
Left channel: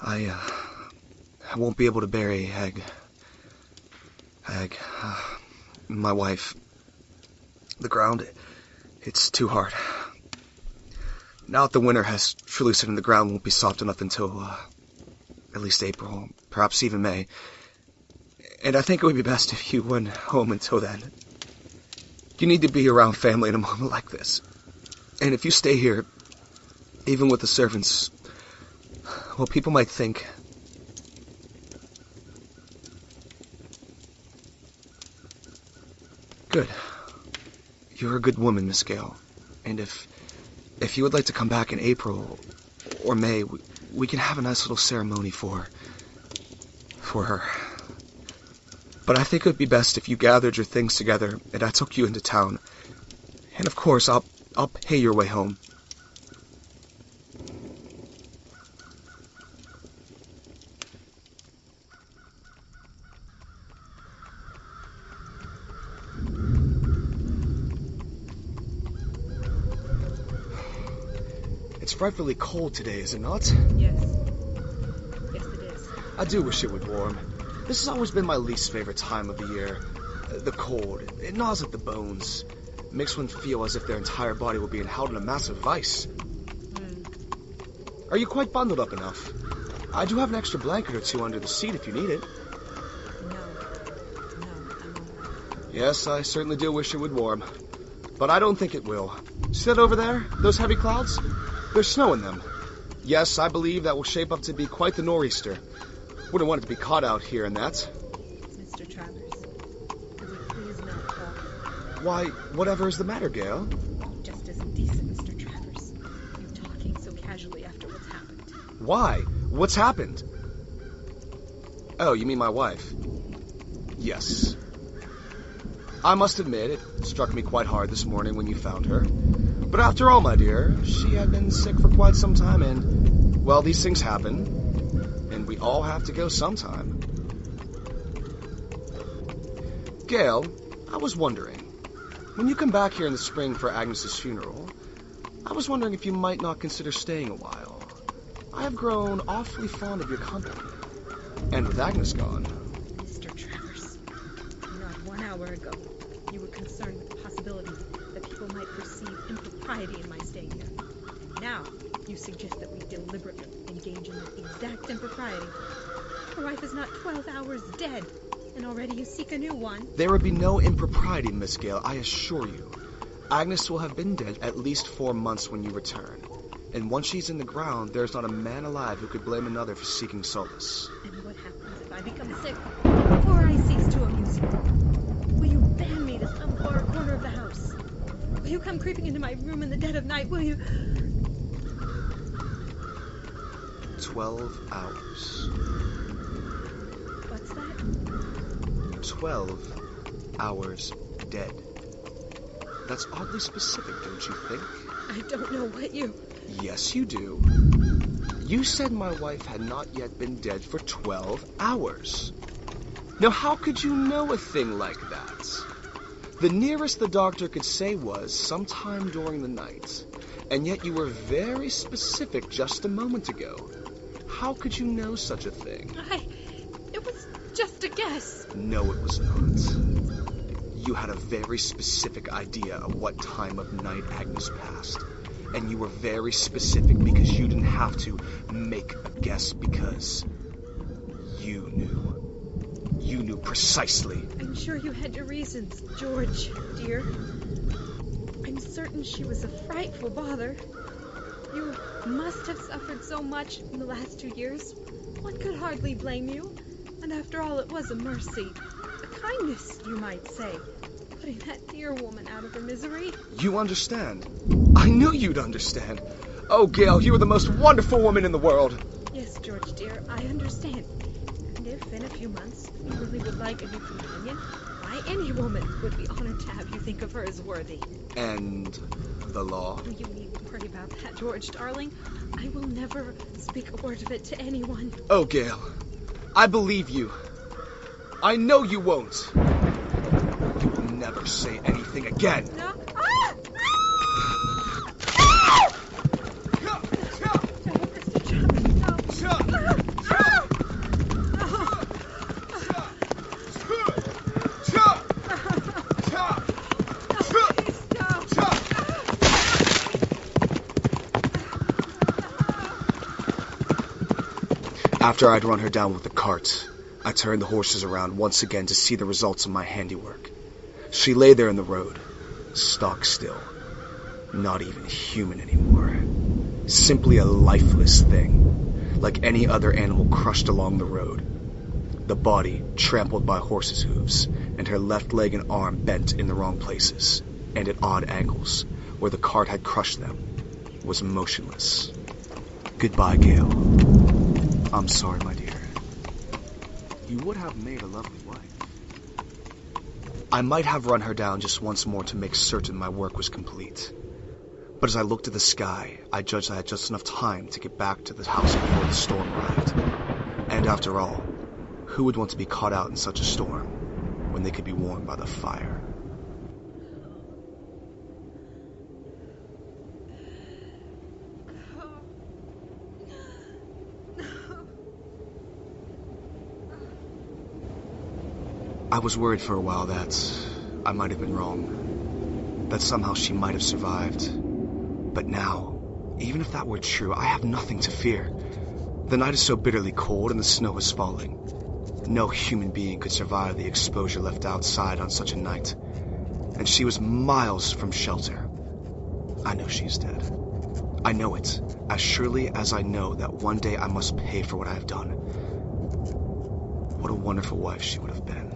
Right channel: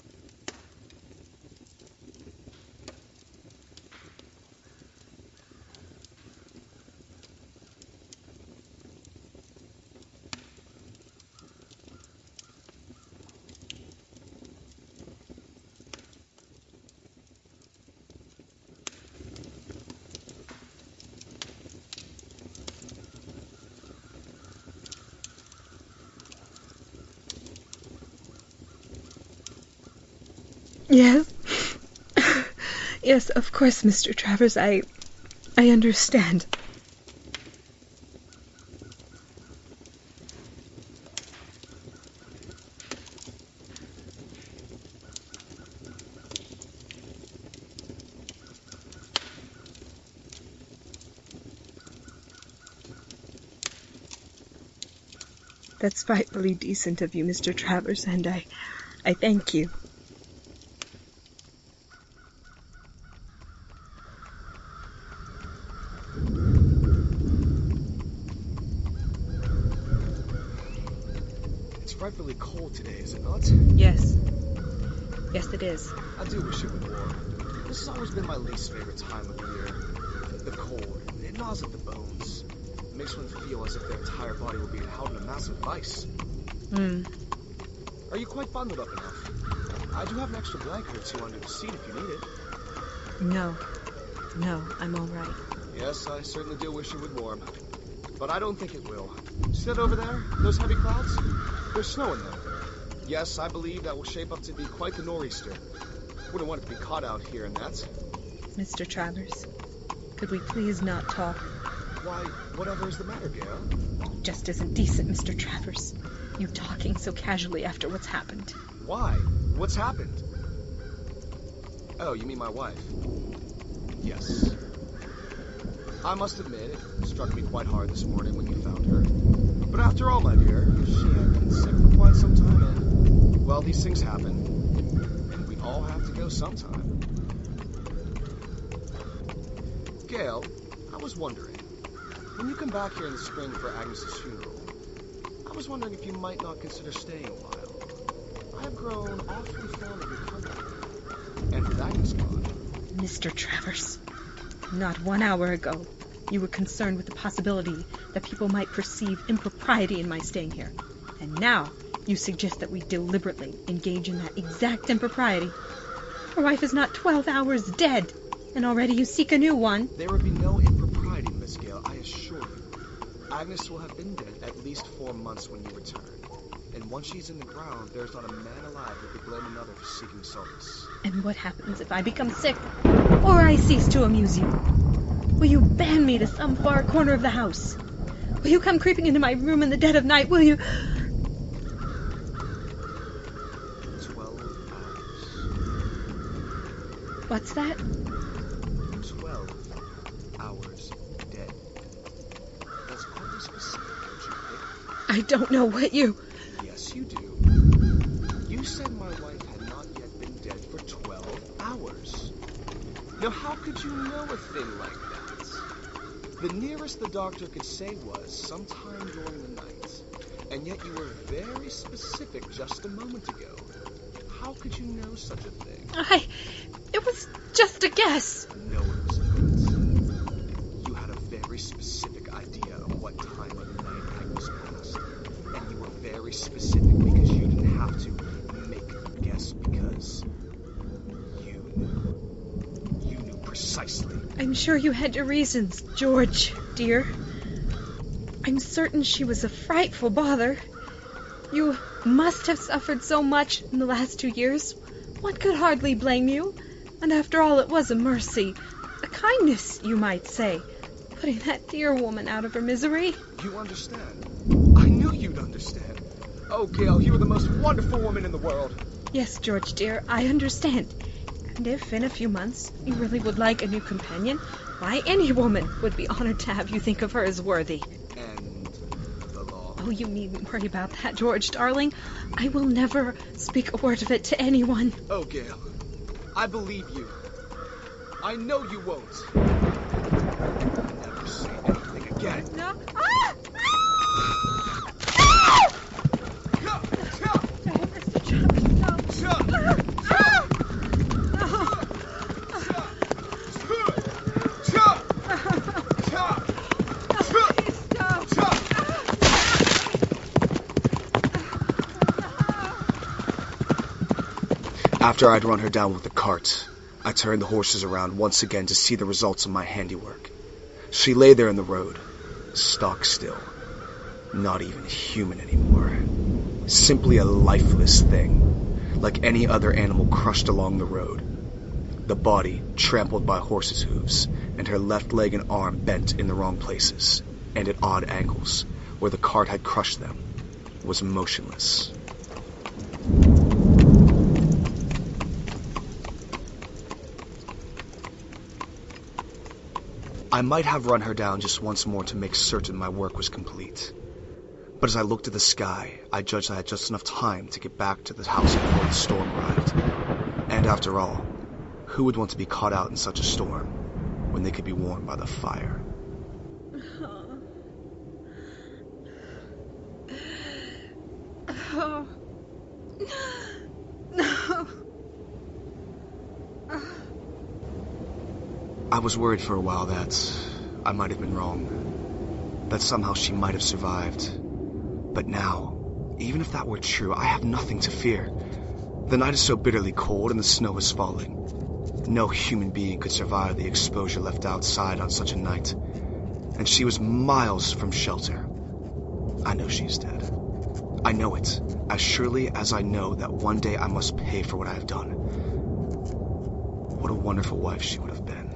I won't be able to bury my wife. The ground, it's too hard. Now that the winter has truly set in, the ground won't be soft enough until, at least April, perhaps even May. And I think it would be best if you went home until then. You need to be around family in a moment like this. And if you stay here, even with the servants, well, people might think... Yes. Yes, of course, Mr. Travers. I understand. Good. You're a good woman, Miss GALE. And if you would like to come back in April or May, we can have a nice little ceremony for her. But I think it would be best if you gathered your things together and I took you into town. And of course, I'll pay your way home. That's frightfully decent of you, Mr. Travers, and I thank you. It's frightfully cold today, is it not? Yes. Yes, it is. I do wish it would warm. This has always been my least favorite time of the year. The cold. It gnaws at the bones. It makes one feel as if their entire body were being held in a massive vice. Are you quite bundled up enough? I do have an extra blanket or two under the seat if you need it. No, I'm all right. Yes, I certainly do wish it would warm. But I don't think it will. See that over there? Those heavy clouds? There's snow in them. Yes, I believe that will shape up to be quite the nor'easter. Wouldn't want it to be caught out here in that. Mr. Travers, could we please not talk? Why, whatever is the matter, Gale? Just isn't decent, Mr. Travers. You talking so casually after what's happened. Why? What's happened? Oh, you mean my wife? Yes. I must admit, it struck me quite hard this morning when you found her. But after all, my dear, she had been sick for quite some time and, well, these things happen. And we all have to go sometime. Gale, I was wondering, when you come back here in the spring for Agnes's funeral, I was wondering if you might not consider staying a while. I have grown awfully fond of your company. And with Agnes gone... Mr. Travers, not 1 hour ago, you were concerned with the possibility that people might perceive impropriety in my staying here. And now, you suggest that we deliberately engage in that exact impropriety. Your wife is not 12 hours dead, and already you seek a new one. There would be no impropriety, Miss Gale, I assure you. Agnes will have been dead at least 4 months when you return. And once she's in the ground, there's not a man alive who could blame another for seeking solace. And what happens if I become sick, or I cease to amuse you? Will you ban me to some far corner of the house? Will you come creeping into my room in the dead of night? Will you... 12 hours. What's that? 12 hours dead. That's oddly specific, don't you think? I don't know what you... Yes, you do. You said my wife had not yet been dead for 12 hours. Now, how could you know a thing like that? The nearest the doctor could say was sometime during the night. And yet you were very specific just a moment ago. How could you know such a thing? It was just a guess. No, it was not. You had a very specific idea of what time of night Agnes passed. And you were very specific because you didn't have to make a guess because you knew. You knew precisely. I'm sure you had your reasons, George, dear. I'm certain she was a frightful bother. You must have suffered so much in the last 2 years. One could hardly blame you. And after all, it was a mercy. A kindness, you might say. Putting that dear woman out of her misery. You understand. I knew you'd understand. Oh, Gale, you are the most wonderful woman in the world. Yes, George, dear, I understand. And if in a few months you really would like a new companion, why, any woman would be honored to have you think of her as worthy. And the law? Oh, you needn't worry about that, George, darling. I will never speak a word of it to anyone. Oh, Gale, I believe you. I know you won't. You will never say anything again. No. After I'd run her down with the cart, I turned the horses around once again to see the results of my handiwork. She lay there in the road, stock still, not even human anymore. Simply a lifeless thing, like any other animal crushed along the road. The body trampled by horses' hooves, and her left leg and arm bent in the wrong places, and at odd angles, where the cart had crushed them, was motionless. Goodbye, Gale. I'm sorry, my dear. You would have made a lovely wife. I might have run her down just once more to make certain my work was complete. But as I looked at the sky, I judged I had just enough time to get back to the house before the storm arrived. And after all, who would want to be caught out in such a storm when they could be warmed by the fire? Oh. No. I was worried for a while that I might have been wrong, that somehow she might have survived. But now, even if that were true, I have nothing to fear. The night is so bitterly cold and the snow is falling. No human being could survive the exposure left outside on such a night. And she was miles from shelter. I know she's dead. I know it, as surely as I know that one day I must pay for what I have done. What a wonderful wife she would have been.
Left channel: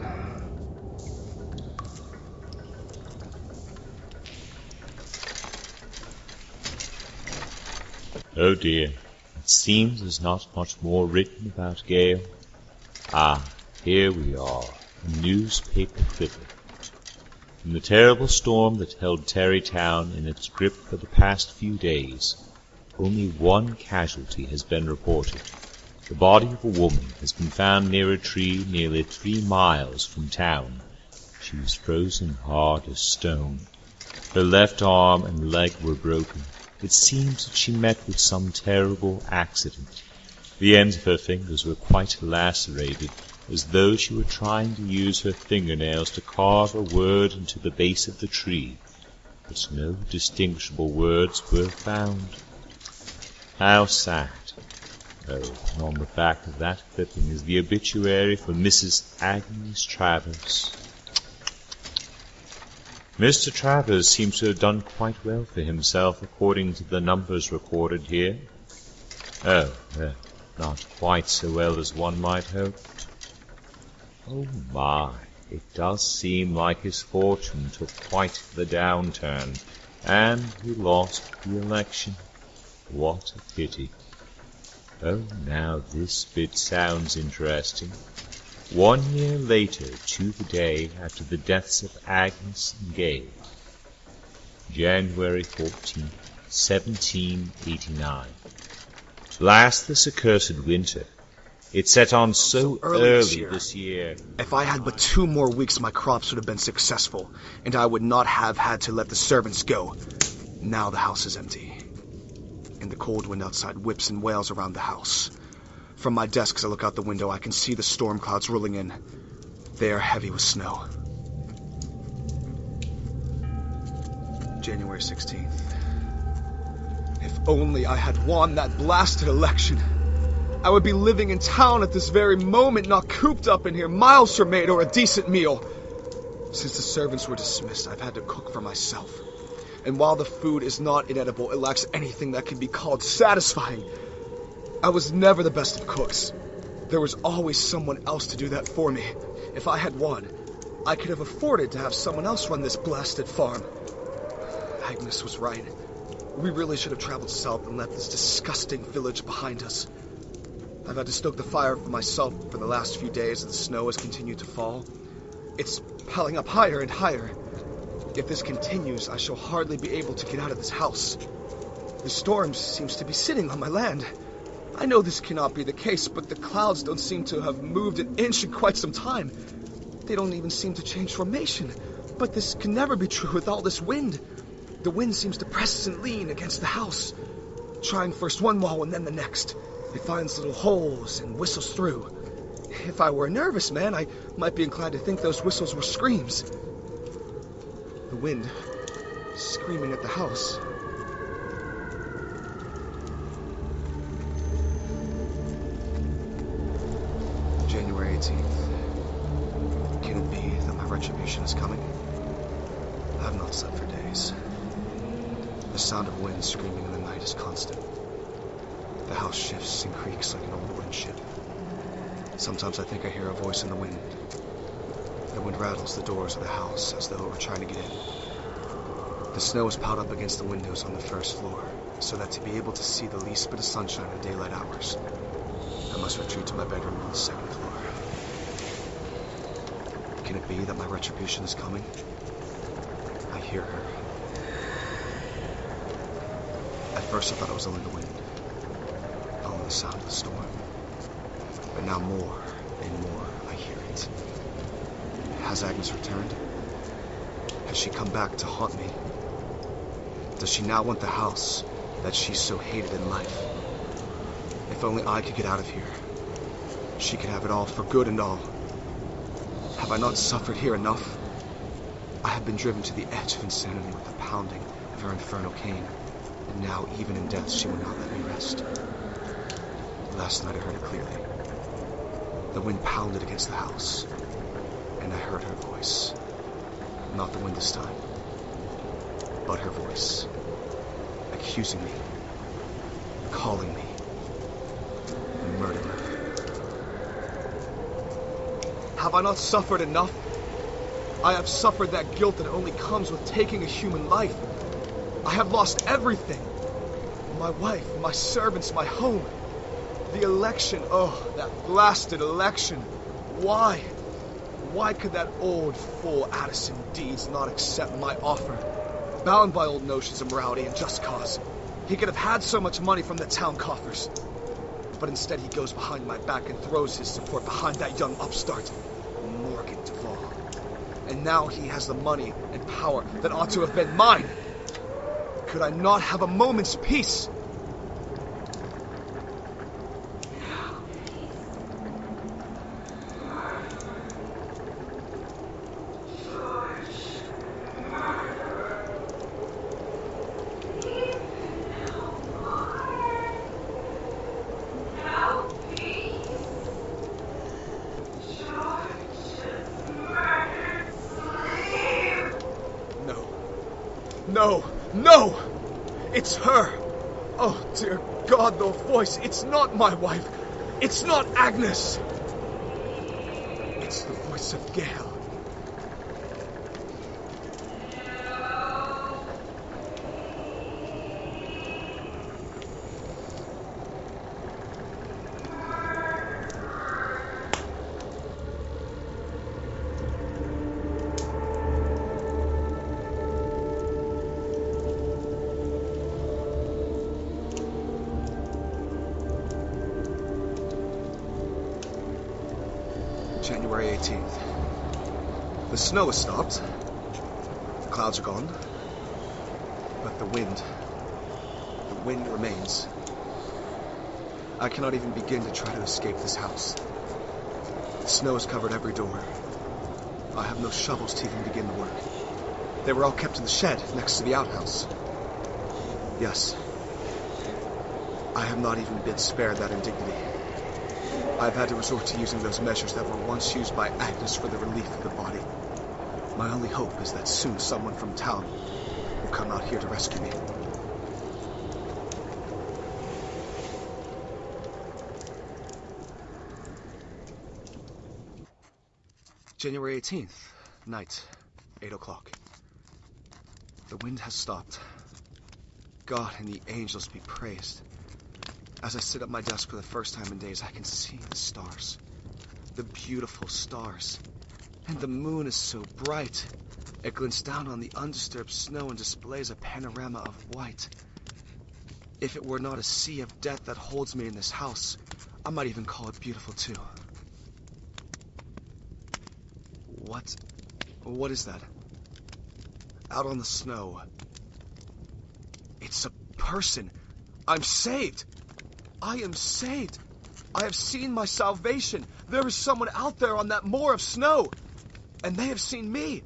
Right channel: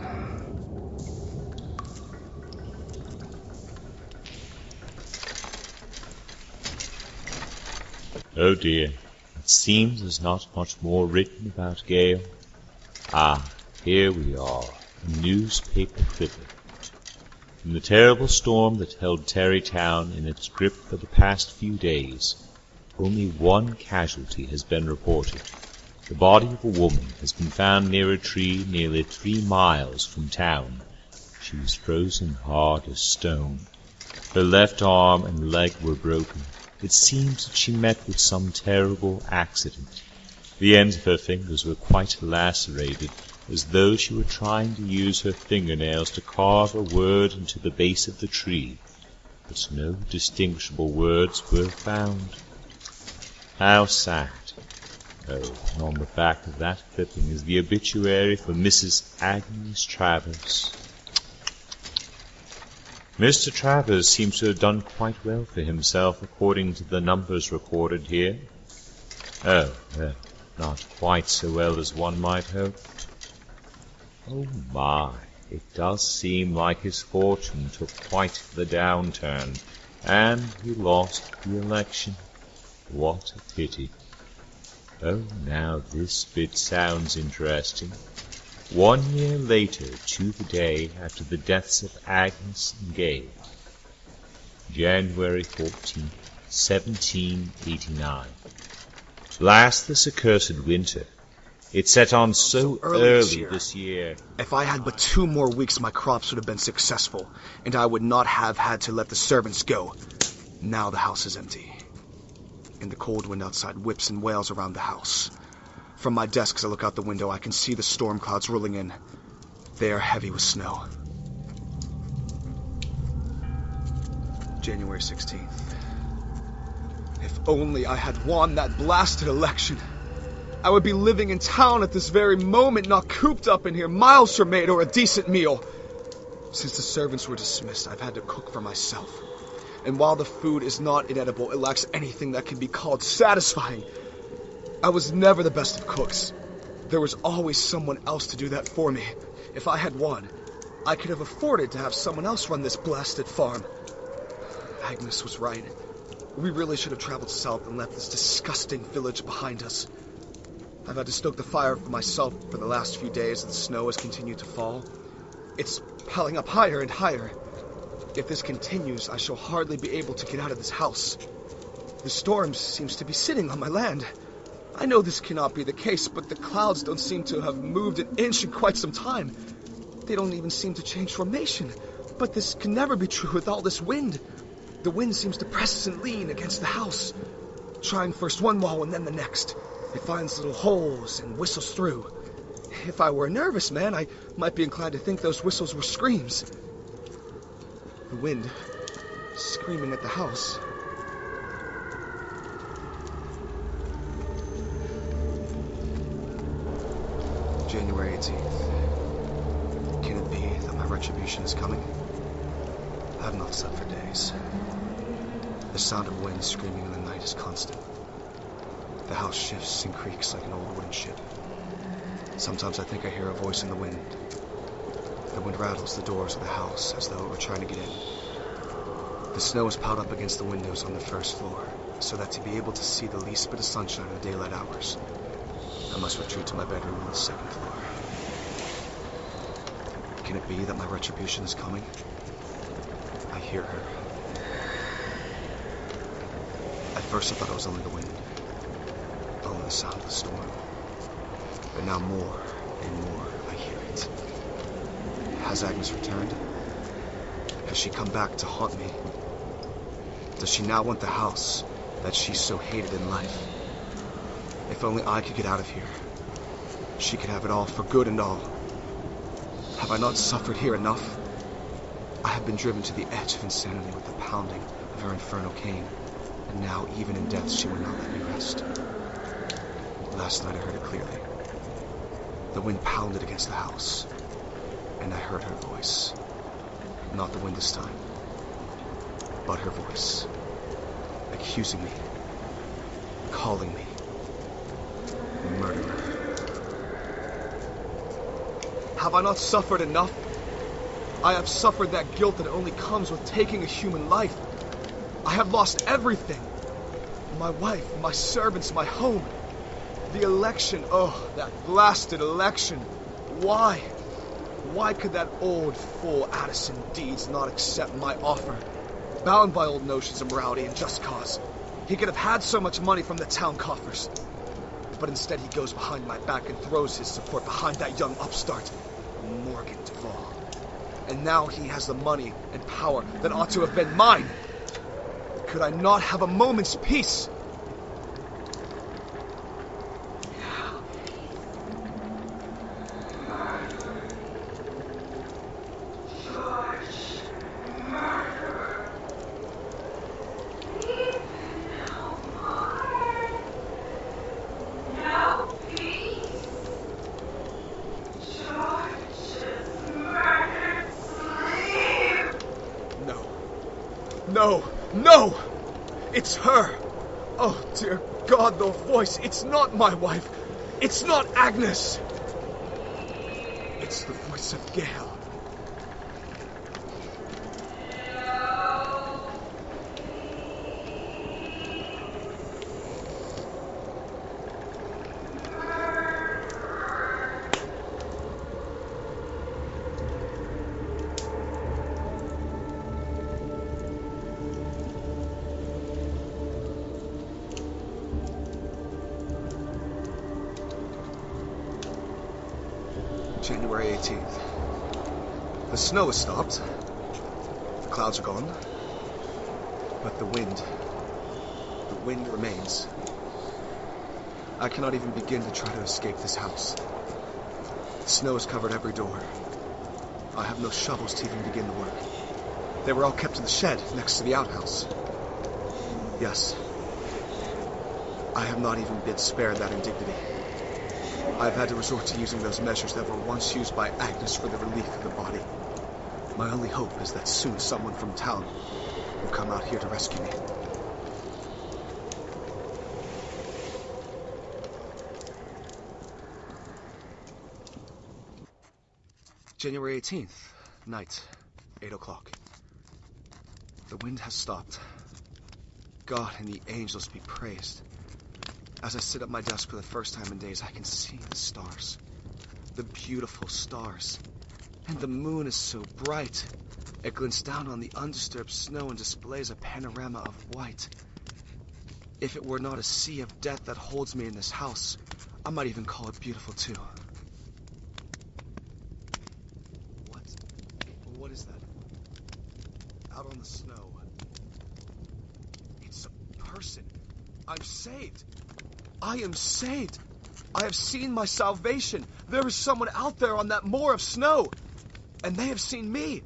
Oh dear, it seems there's not much more written about Gale. Ah, here we are, a newspaper clipping. In the terrible storm that held Tarrytown in its grip for the past few days, only one casualty has been reported. The body of a woman has been found near a tree nearly 3 miles from town. She was frozen hard as stone. Her left arm and leg were broken. It seems that she met with some terrible accident. The ends of her fingers were quite lacerated, as though she were trying to use her fingernails to carve a word into the base of the tree, but no distinguishable words were found. How sad. Oh, and on the back of that clipping is the obituary for Mrs. Agnes Travers. Mr. Travers seems to have done quite well for himself according to the numbers recorded here. Oh, not quite so well as one might hope. Oh my, it does seem like his fortune took quite the downturn, and he lost the election. What a pity. Oh, now this bit sounds interesting. 1 year later to the day after the deaths of Agnes and Gale, January 14th, 1789. Last this accursed winter. It set on so early this year. If I had but 2 more weeks, my crops would have been successful, and I would not have had to let the servants go. Now the house is empty, and the cold wind outside whips and wails around the house. From my desk, as I look out the window, I can see the storm clouds rolling in. They are heavy with snow. January 16th. If only I had won that blasted election. I would be living in town at this very moment, not cooped up in here, miles from maid or a decent meal. Since the servants were dismissed, I've had to cook for myself. And while the food is not inedible, it lacks anything that can be called satisfying. I was never the best of cooks. There was always someone else to do that for me. If I had won, I could have afforded to have someone else run this blasted farm. Agnes was right. We really should have traveled south and left this disgusting village behind us. I've had to stoke the fire for myself for the last few days as the snow has continued to fall. It's piling up higher and higher. If this continues, I shall hardly be able to get out of this house. The storm seems to be sitting on my land. I know this cannot be the case, but the clouds don't seem to have moved an inch in quite some time. They don't even seem to change formation. But this can never be true with all this wind. The wind seems to press and lean against the house, trying first one wall and then the next. It finds little holes and whistles through. If I were a nervous man, I might be inclined to think those whistles were screams. The wind screaming at the house. January 18th. Can it be that my retribution is coming? I have not slept for days. The sound of wind screaming in the night is constant. The house shifts and creaks like an old wooden ship. Sometimes I think I hear a voice in the wind. The wind rattles the doors of the house as though it were trying to get in. The snow is piled up against the windows on the first floor, so that to be able to see the least bit of sunshine in daylight hours, I must retreat to my bedroom on the second floor. Can it be that my retribution is coming? I hear her. At first I thought it was only the wind, only the sound of the storm. But now more and more I hear it. Has Agnes returned? Has she come back to haunt me? Does she now want the house that she so hated in life? If only I could get out of here. She could have it all, for good and all. Have I not suffered here enough? I have been driven to the edge of insanity with the pounding of her infernal cane, and now even in death she will not let me rest. Last night I heard it clearly. The wind pounded against the house, and I heard her voice. Not the wind this time, but her voice, accusing me, calling me a murderer. Have I not suffered enough? I have suffered that guilt that only comes with taking a human life. I have lost everything. My wife, my servants, my home. The election, oh, that blasted election. Why? Why could that old fool Addison Deeds not accept my offer? Bound by old notions of morality and just cause. He could have had so much money from the town coffers. But instead he goes behind my back and throws his support behind that young upstart, Morgan Duvall. And now he has the money and power that ought to have been mine. Could I not have a moment's peace? No, no! It's her! Oh, dear God, the voice! It's not my wife! It's not Agnes! It's the voice of GALE. January 18th. The snow has stopped. The clouds are gone. But the wind remains. I cannot even begin to try to escape this house. The snow has covered every door. I have no shovels to even begin the work. They were all kept in the shed next to the outhouse. Yes. I have not even been spared that indignity. I've had to resort to using those measures that were once used by Agnes for the relief of the body. My only hope is that soon someone from town will come out here to rescue me. January 18th, night, 8 o'clock. The wind has stopped. God and the angels be praised. As I sit at my desk for the first time in days, I can see the stars. The beautiful stars. And the moon is so bright. It glints down on the undisturbed snow and displays a panorama of white. If it were not a sea of death that holds me in this house, I might even call it beautiful too. What is that? Out on the snow. It's a person. I'm saved. I am saved. I have seen my salvation. There is someone out there on that moor of snow. And they have seen me.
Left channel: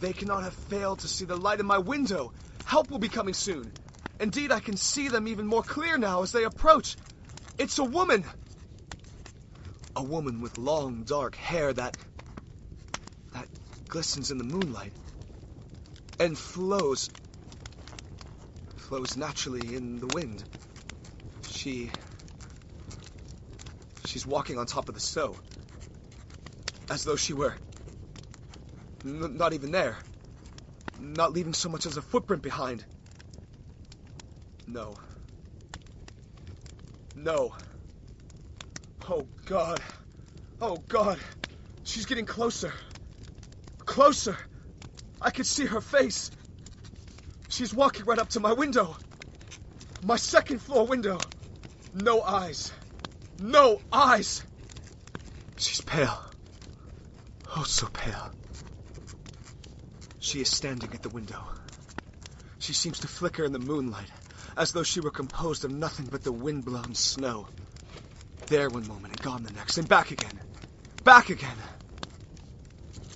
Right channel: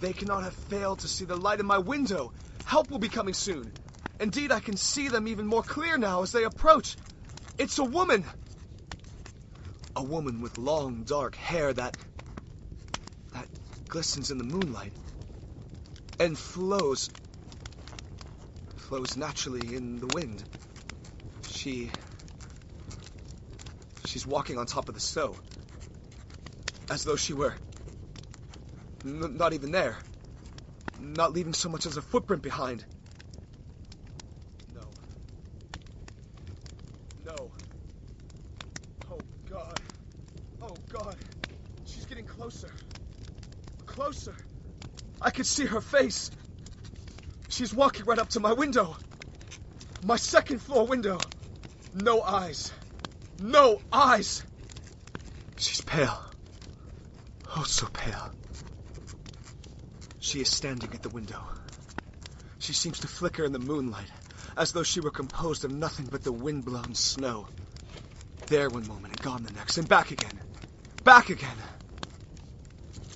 They cannot have failed to see the light in my window. Help will be coming soon. Indeed, I can see them even more clear now as they approach. It's a woman. A woman with long, dark hair that glistens in the moonlight. And flows naturally in the wind. She's walking on top of the snow. As though she were not even there. Not leaving so much as a footprint behind. No. Oh God. Oh God. She's getting closer. closer, I could see her face. She's walking right up to my window. My second-floor window. No eyes. No eyes! She's pale. Oh, so pale. She is standing at the window. She seems to flicker in the moonlight, as though she were composed of nothing but the wind-blown snow. There one moment and gone the next, and back again. Back again!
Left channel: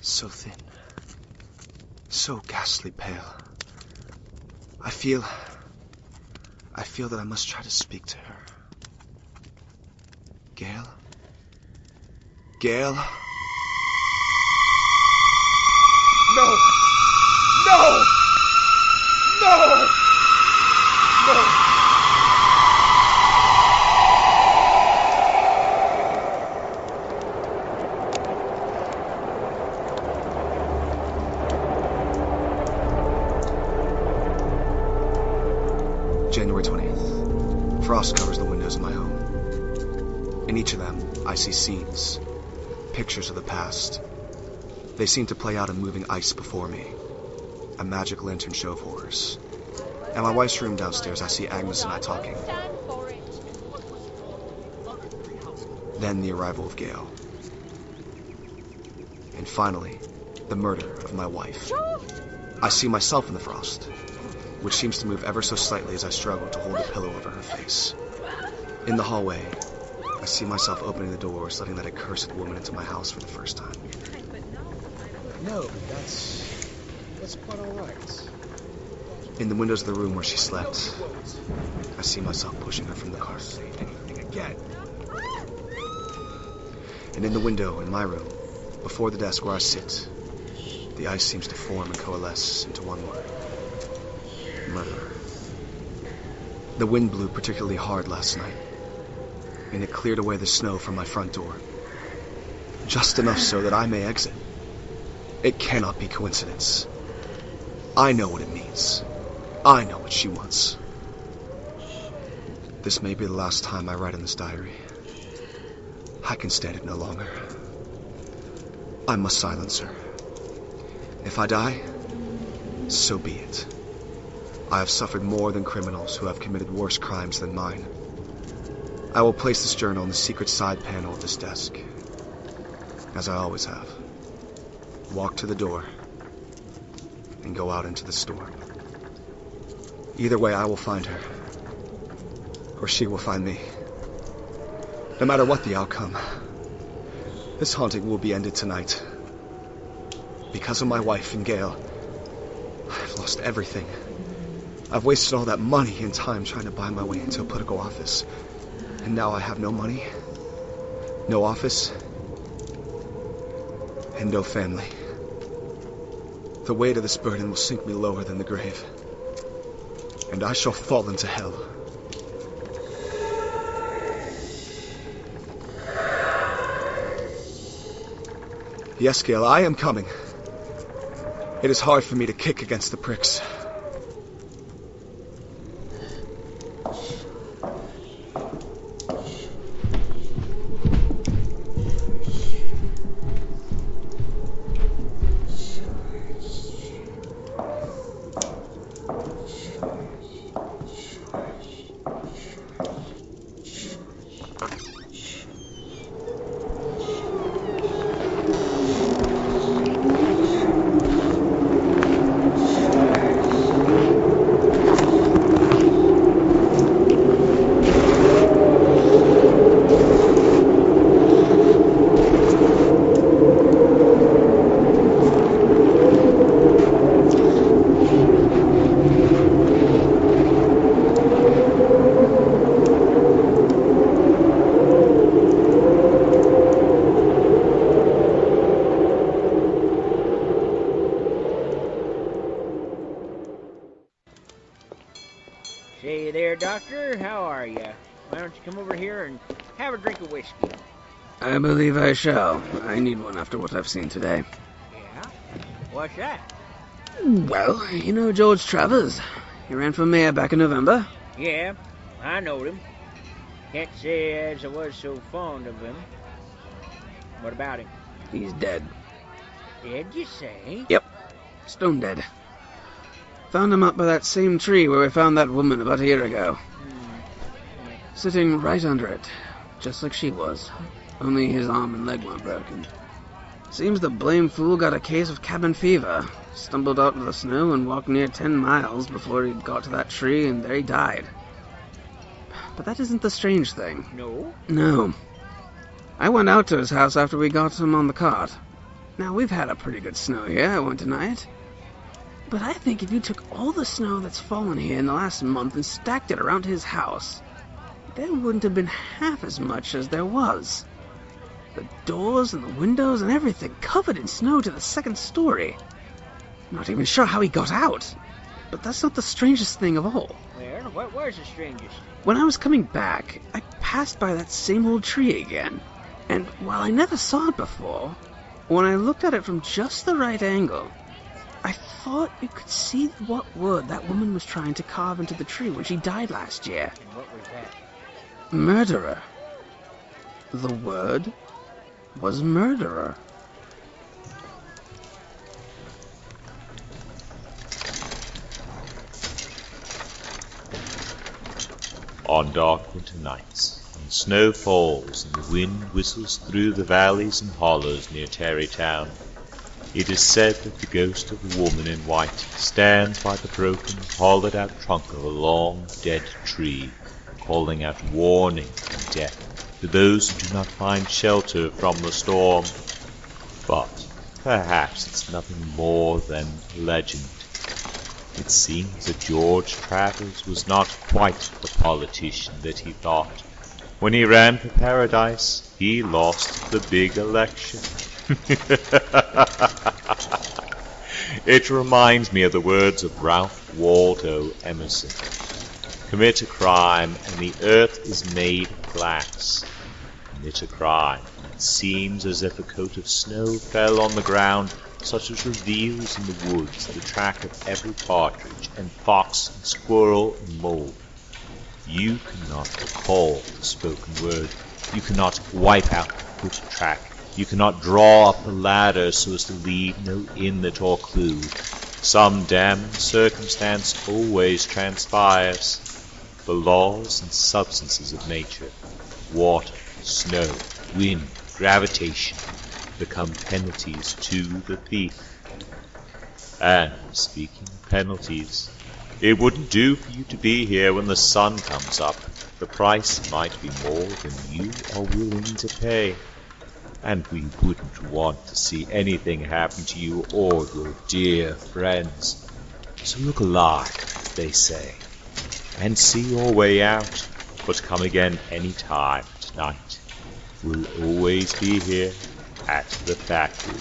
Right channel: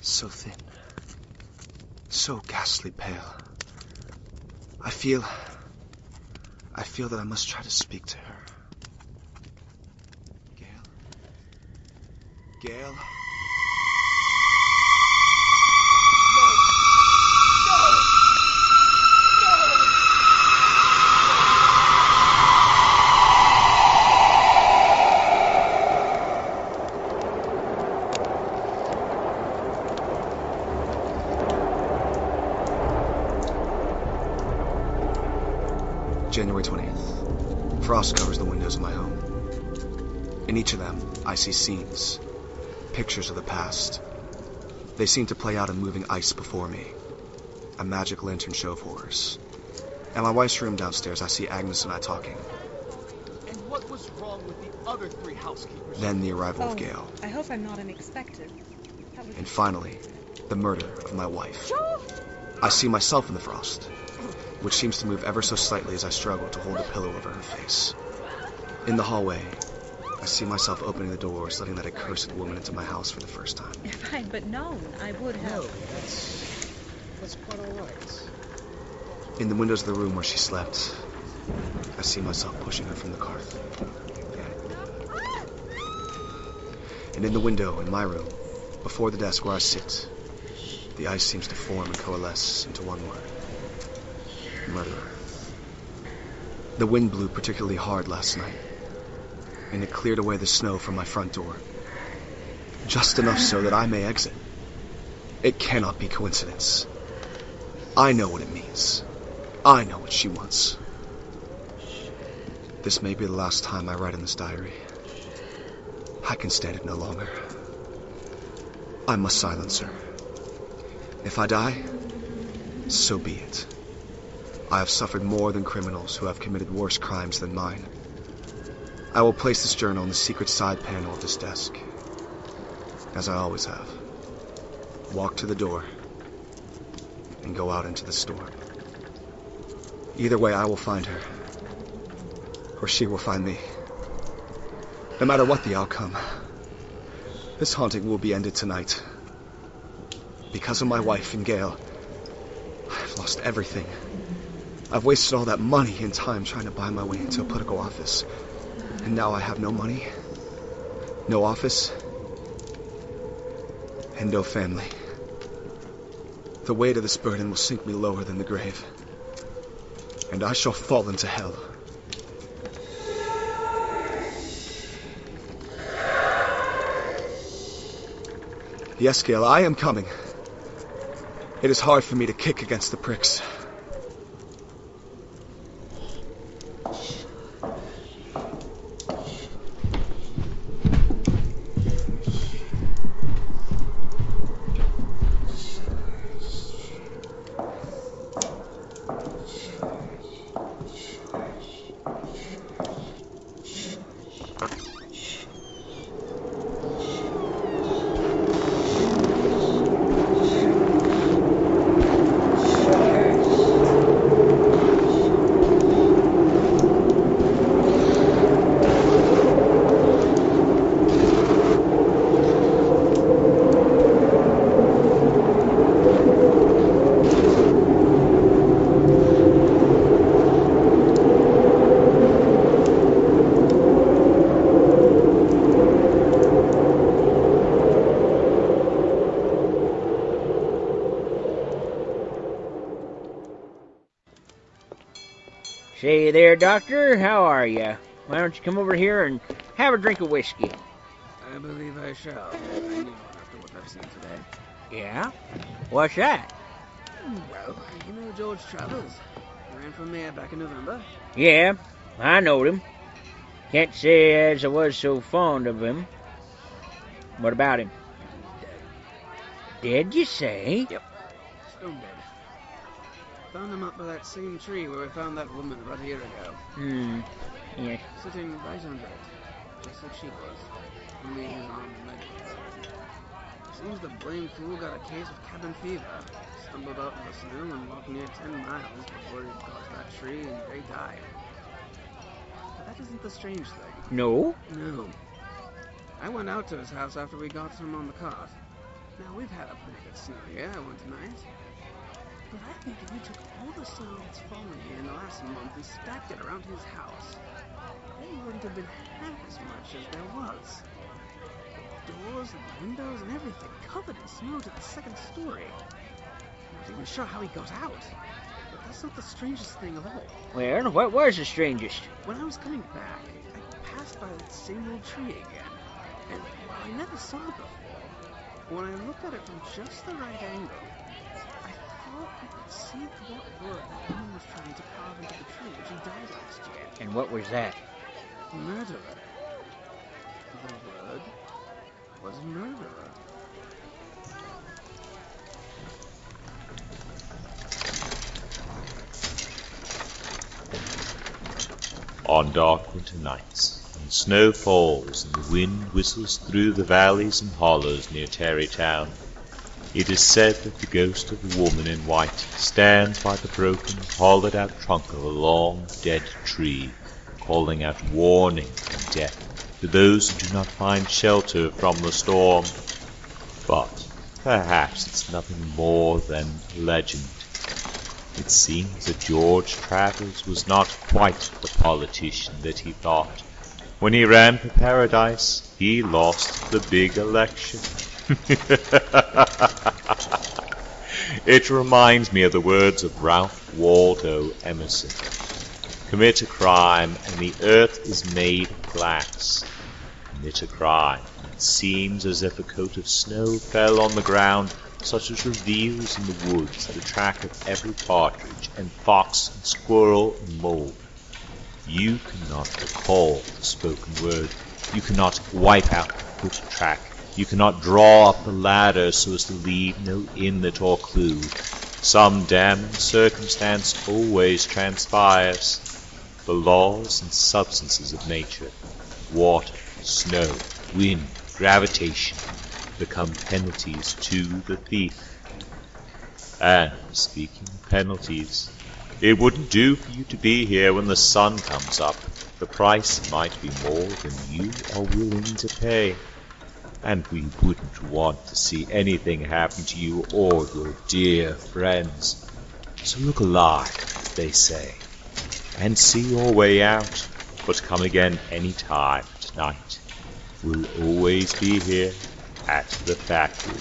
So thin. So ghastly pale. I feel that I must try to speak to her. Gale? Gale? No! No! No! No! January 20th. Frost covers the windows of my home. In each of them, I see scenes, pictures of the past. They seem to play out in moving ice before me, a magic lantern show of horrors. In my wife's room downstairs, I see Agnes and I talking. Then the arrival of Gale. I hope I'm not unexpected. And finally, the murder of my wife. I see myself in the frost, which seems to move ever so slightly as I struggle to hold the pillow over her face. In the hallway, I see myself opening the doors, letting that accursed woman into my house for the first time. If I'd but known, I would have. No, that's quite all right. In the windows of the room where she slept, I see myself pushing her from the car. Again. And in the window in my room, before the desk where I sit, the ice seems to form and coalesce into one word. Murderer. The wind blew particularly hard last night, and it cleared away the snow from my front door. Just enough so that I may exit. It cannot be coincidence. I know what it means. I know what she wants. This may be the last time I write in this diary. I can stand it no longer. I must silence her. If I die, so be it. I have suffered more than criminals who have committed worse crimes than mine. I will place this journal in the secret side panel of this desk, as I always have. Walk to the door, and go out into the storm. Either way, I will find her, or she will find me. No matter what the outcome, this haunting will be ended tonight. Because of my wife and Gale, I've lost everything. I've wasted all that money and time trying to buy my way into a political office. And now I have no money, no office, and no family. The weight of this burden will sink me lower than the grave, and I shall fall into hell. Yes, Gale, I am coming. It is hard for me to kick against the pricks. Say there, Doctor, how are you? Why don't you come over here and have a drink of whiskey? I believe I shall. I need one after what I've seen today. Yeah? What's that? Well, you know George Travers. He ran for mayor back in November. Yeah, I knowed him. Can't say as I was so fond of him. What about him? He's dead. Dead, you say? Yep. Stone dead. Found him up by that same tree where we found that woman about a year ago. Yeah. Sitting right under it, just like she was. Only his arm and leg weren't broken. Seems the blame fool got a case of cabin fever. Stumbled out in the snow and walked near 10 miles before he got to that tree, and there he died. But that isn't the strange thing. No? No. I went out to his house after we got him on the cart. Now, we've had a pretty good snow here, I won't deny it. But I think if you took all the snow that's fallen here in the last month and stacked it around his house, there wouldn't have been half as much as there was. The doors and the windows and everything covered in snow to the second story. I'm not even sure how he got out. But that's not the strangest thing of all. Well, what was the strangest? When I was coming back, I passed by that same old tree again. And while I never saw it before, when I looked at it from just the right angle, I thought you could see what wood that woman was trying to carve into the tree when she died last year. And what was that? Murderer. The word was murderer. On dark winter nights, when snow falls and the wind whistles through the valleys and hollows near Tarrytown, it is said that the ghost of a woman in white stands by the broken, hollowed-out trunk of a long, dead tree, calling out warning and death to those who do not find shelter from the storm. But perhaps it's nothing more than legend. It seems that George Travers was not quite the politician that he thought. When he ran for paradise, he lost the big election. It reminds me of the words of Ralph Waldo Emerson. Commit a crime, and the earth is made of glass. Commit a crime, and it seems as if a coat of snow fell on the ground, such as reveals in the woods the track of every partridge and fox and squirrel and mole. You cannot recall the spoken word. You cannot wipe out the foot track. You cannot draw up the ladder so as to leave no inlet or clue. Some damning circumstance always transpires. The laws and substances of nature, water, snow, wind, gravitation, become penalties to the thief. And speaking of penalties, it wouldn't do for you to be here when the sun comes up. The price might be more than you are willing to pay. And we wouldn't want to see anything happen to you or your dear friends. So look alive, as they say, and see your way out. But come again any time tonight. We'll always be here at the factory.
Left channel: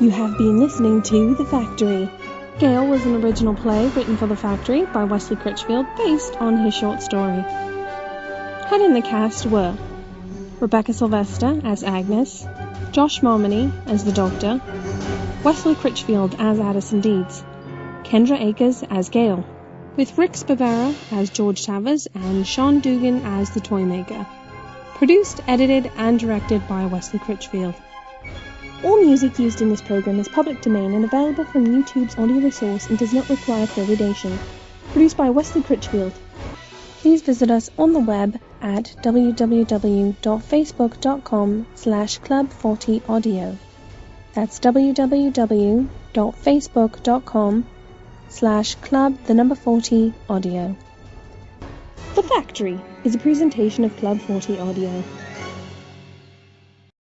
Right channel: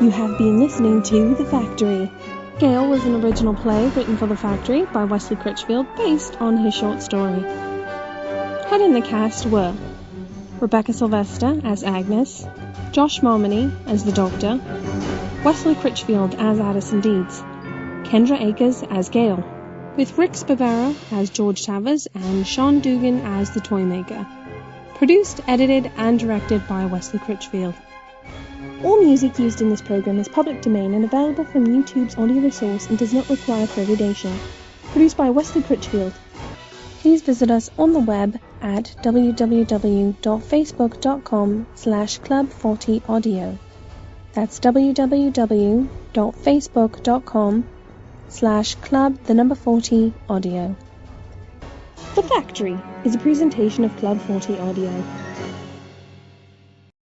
You have been listening to The Factory. GALE was an original play written for The Factory by Wesley Critchfield based on his short story. Head in the cast were Rebecca Sylvester as Agnes, Josh Marmony as the Doctor, Wesley Critchfield as Addison Deeds, Kendra Akers as GALE, with Rick Spavera as George Travers and Sean Dugan as the Toymaker. Produced, edited, and directed by Wesley Critchfield. All music used in this program is public domain and available from YouTube's audio resource and does not require accreditation. Produced by Wesley Critchfield. Please visit us on the web at www.facebook.com/club40audio. That's www.facebook.com/club40audio. The Factory is a presentation of Club 40 Audio.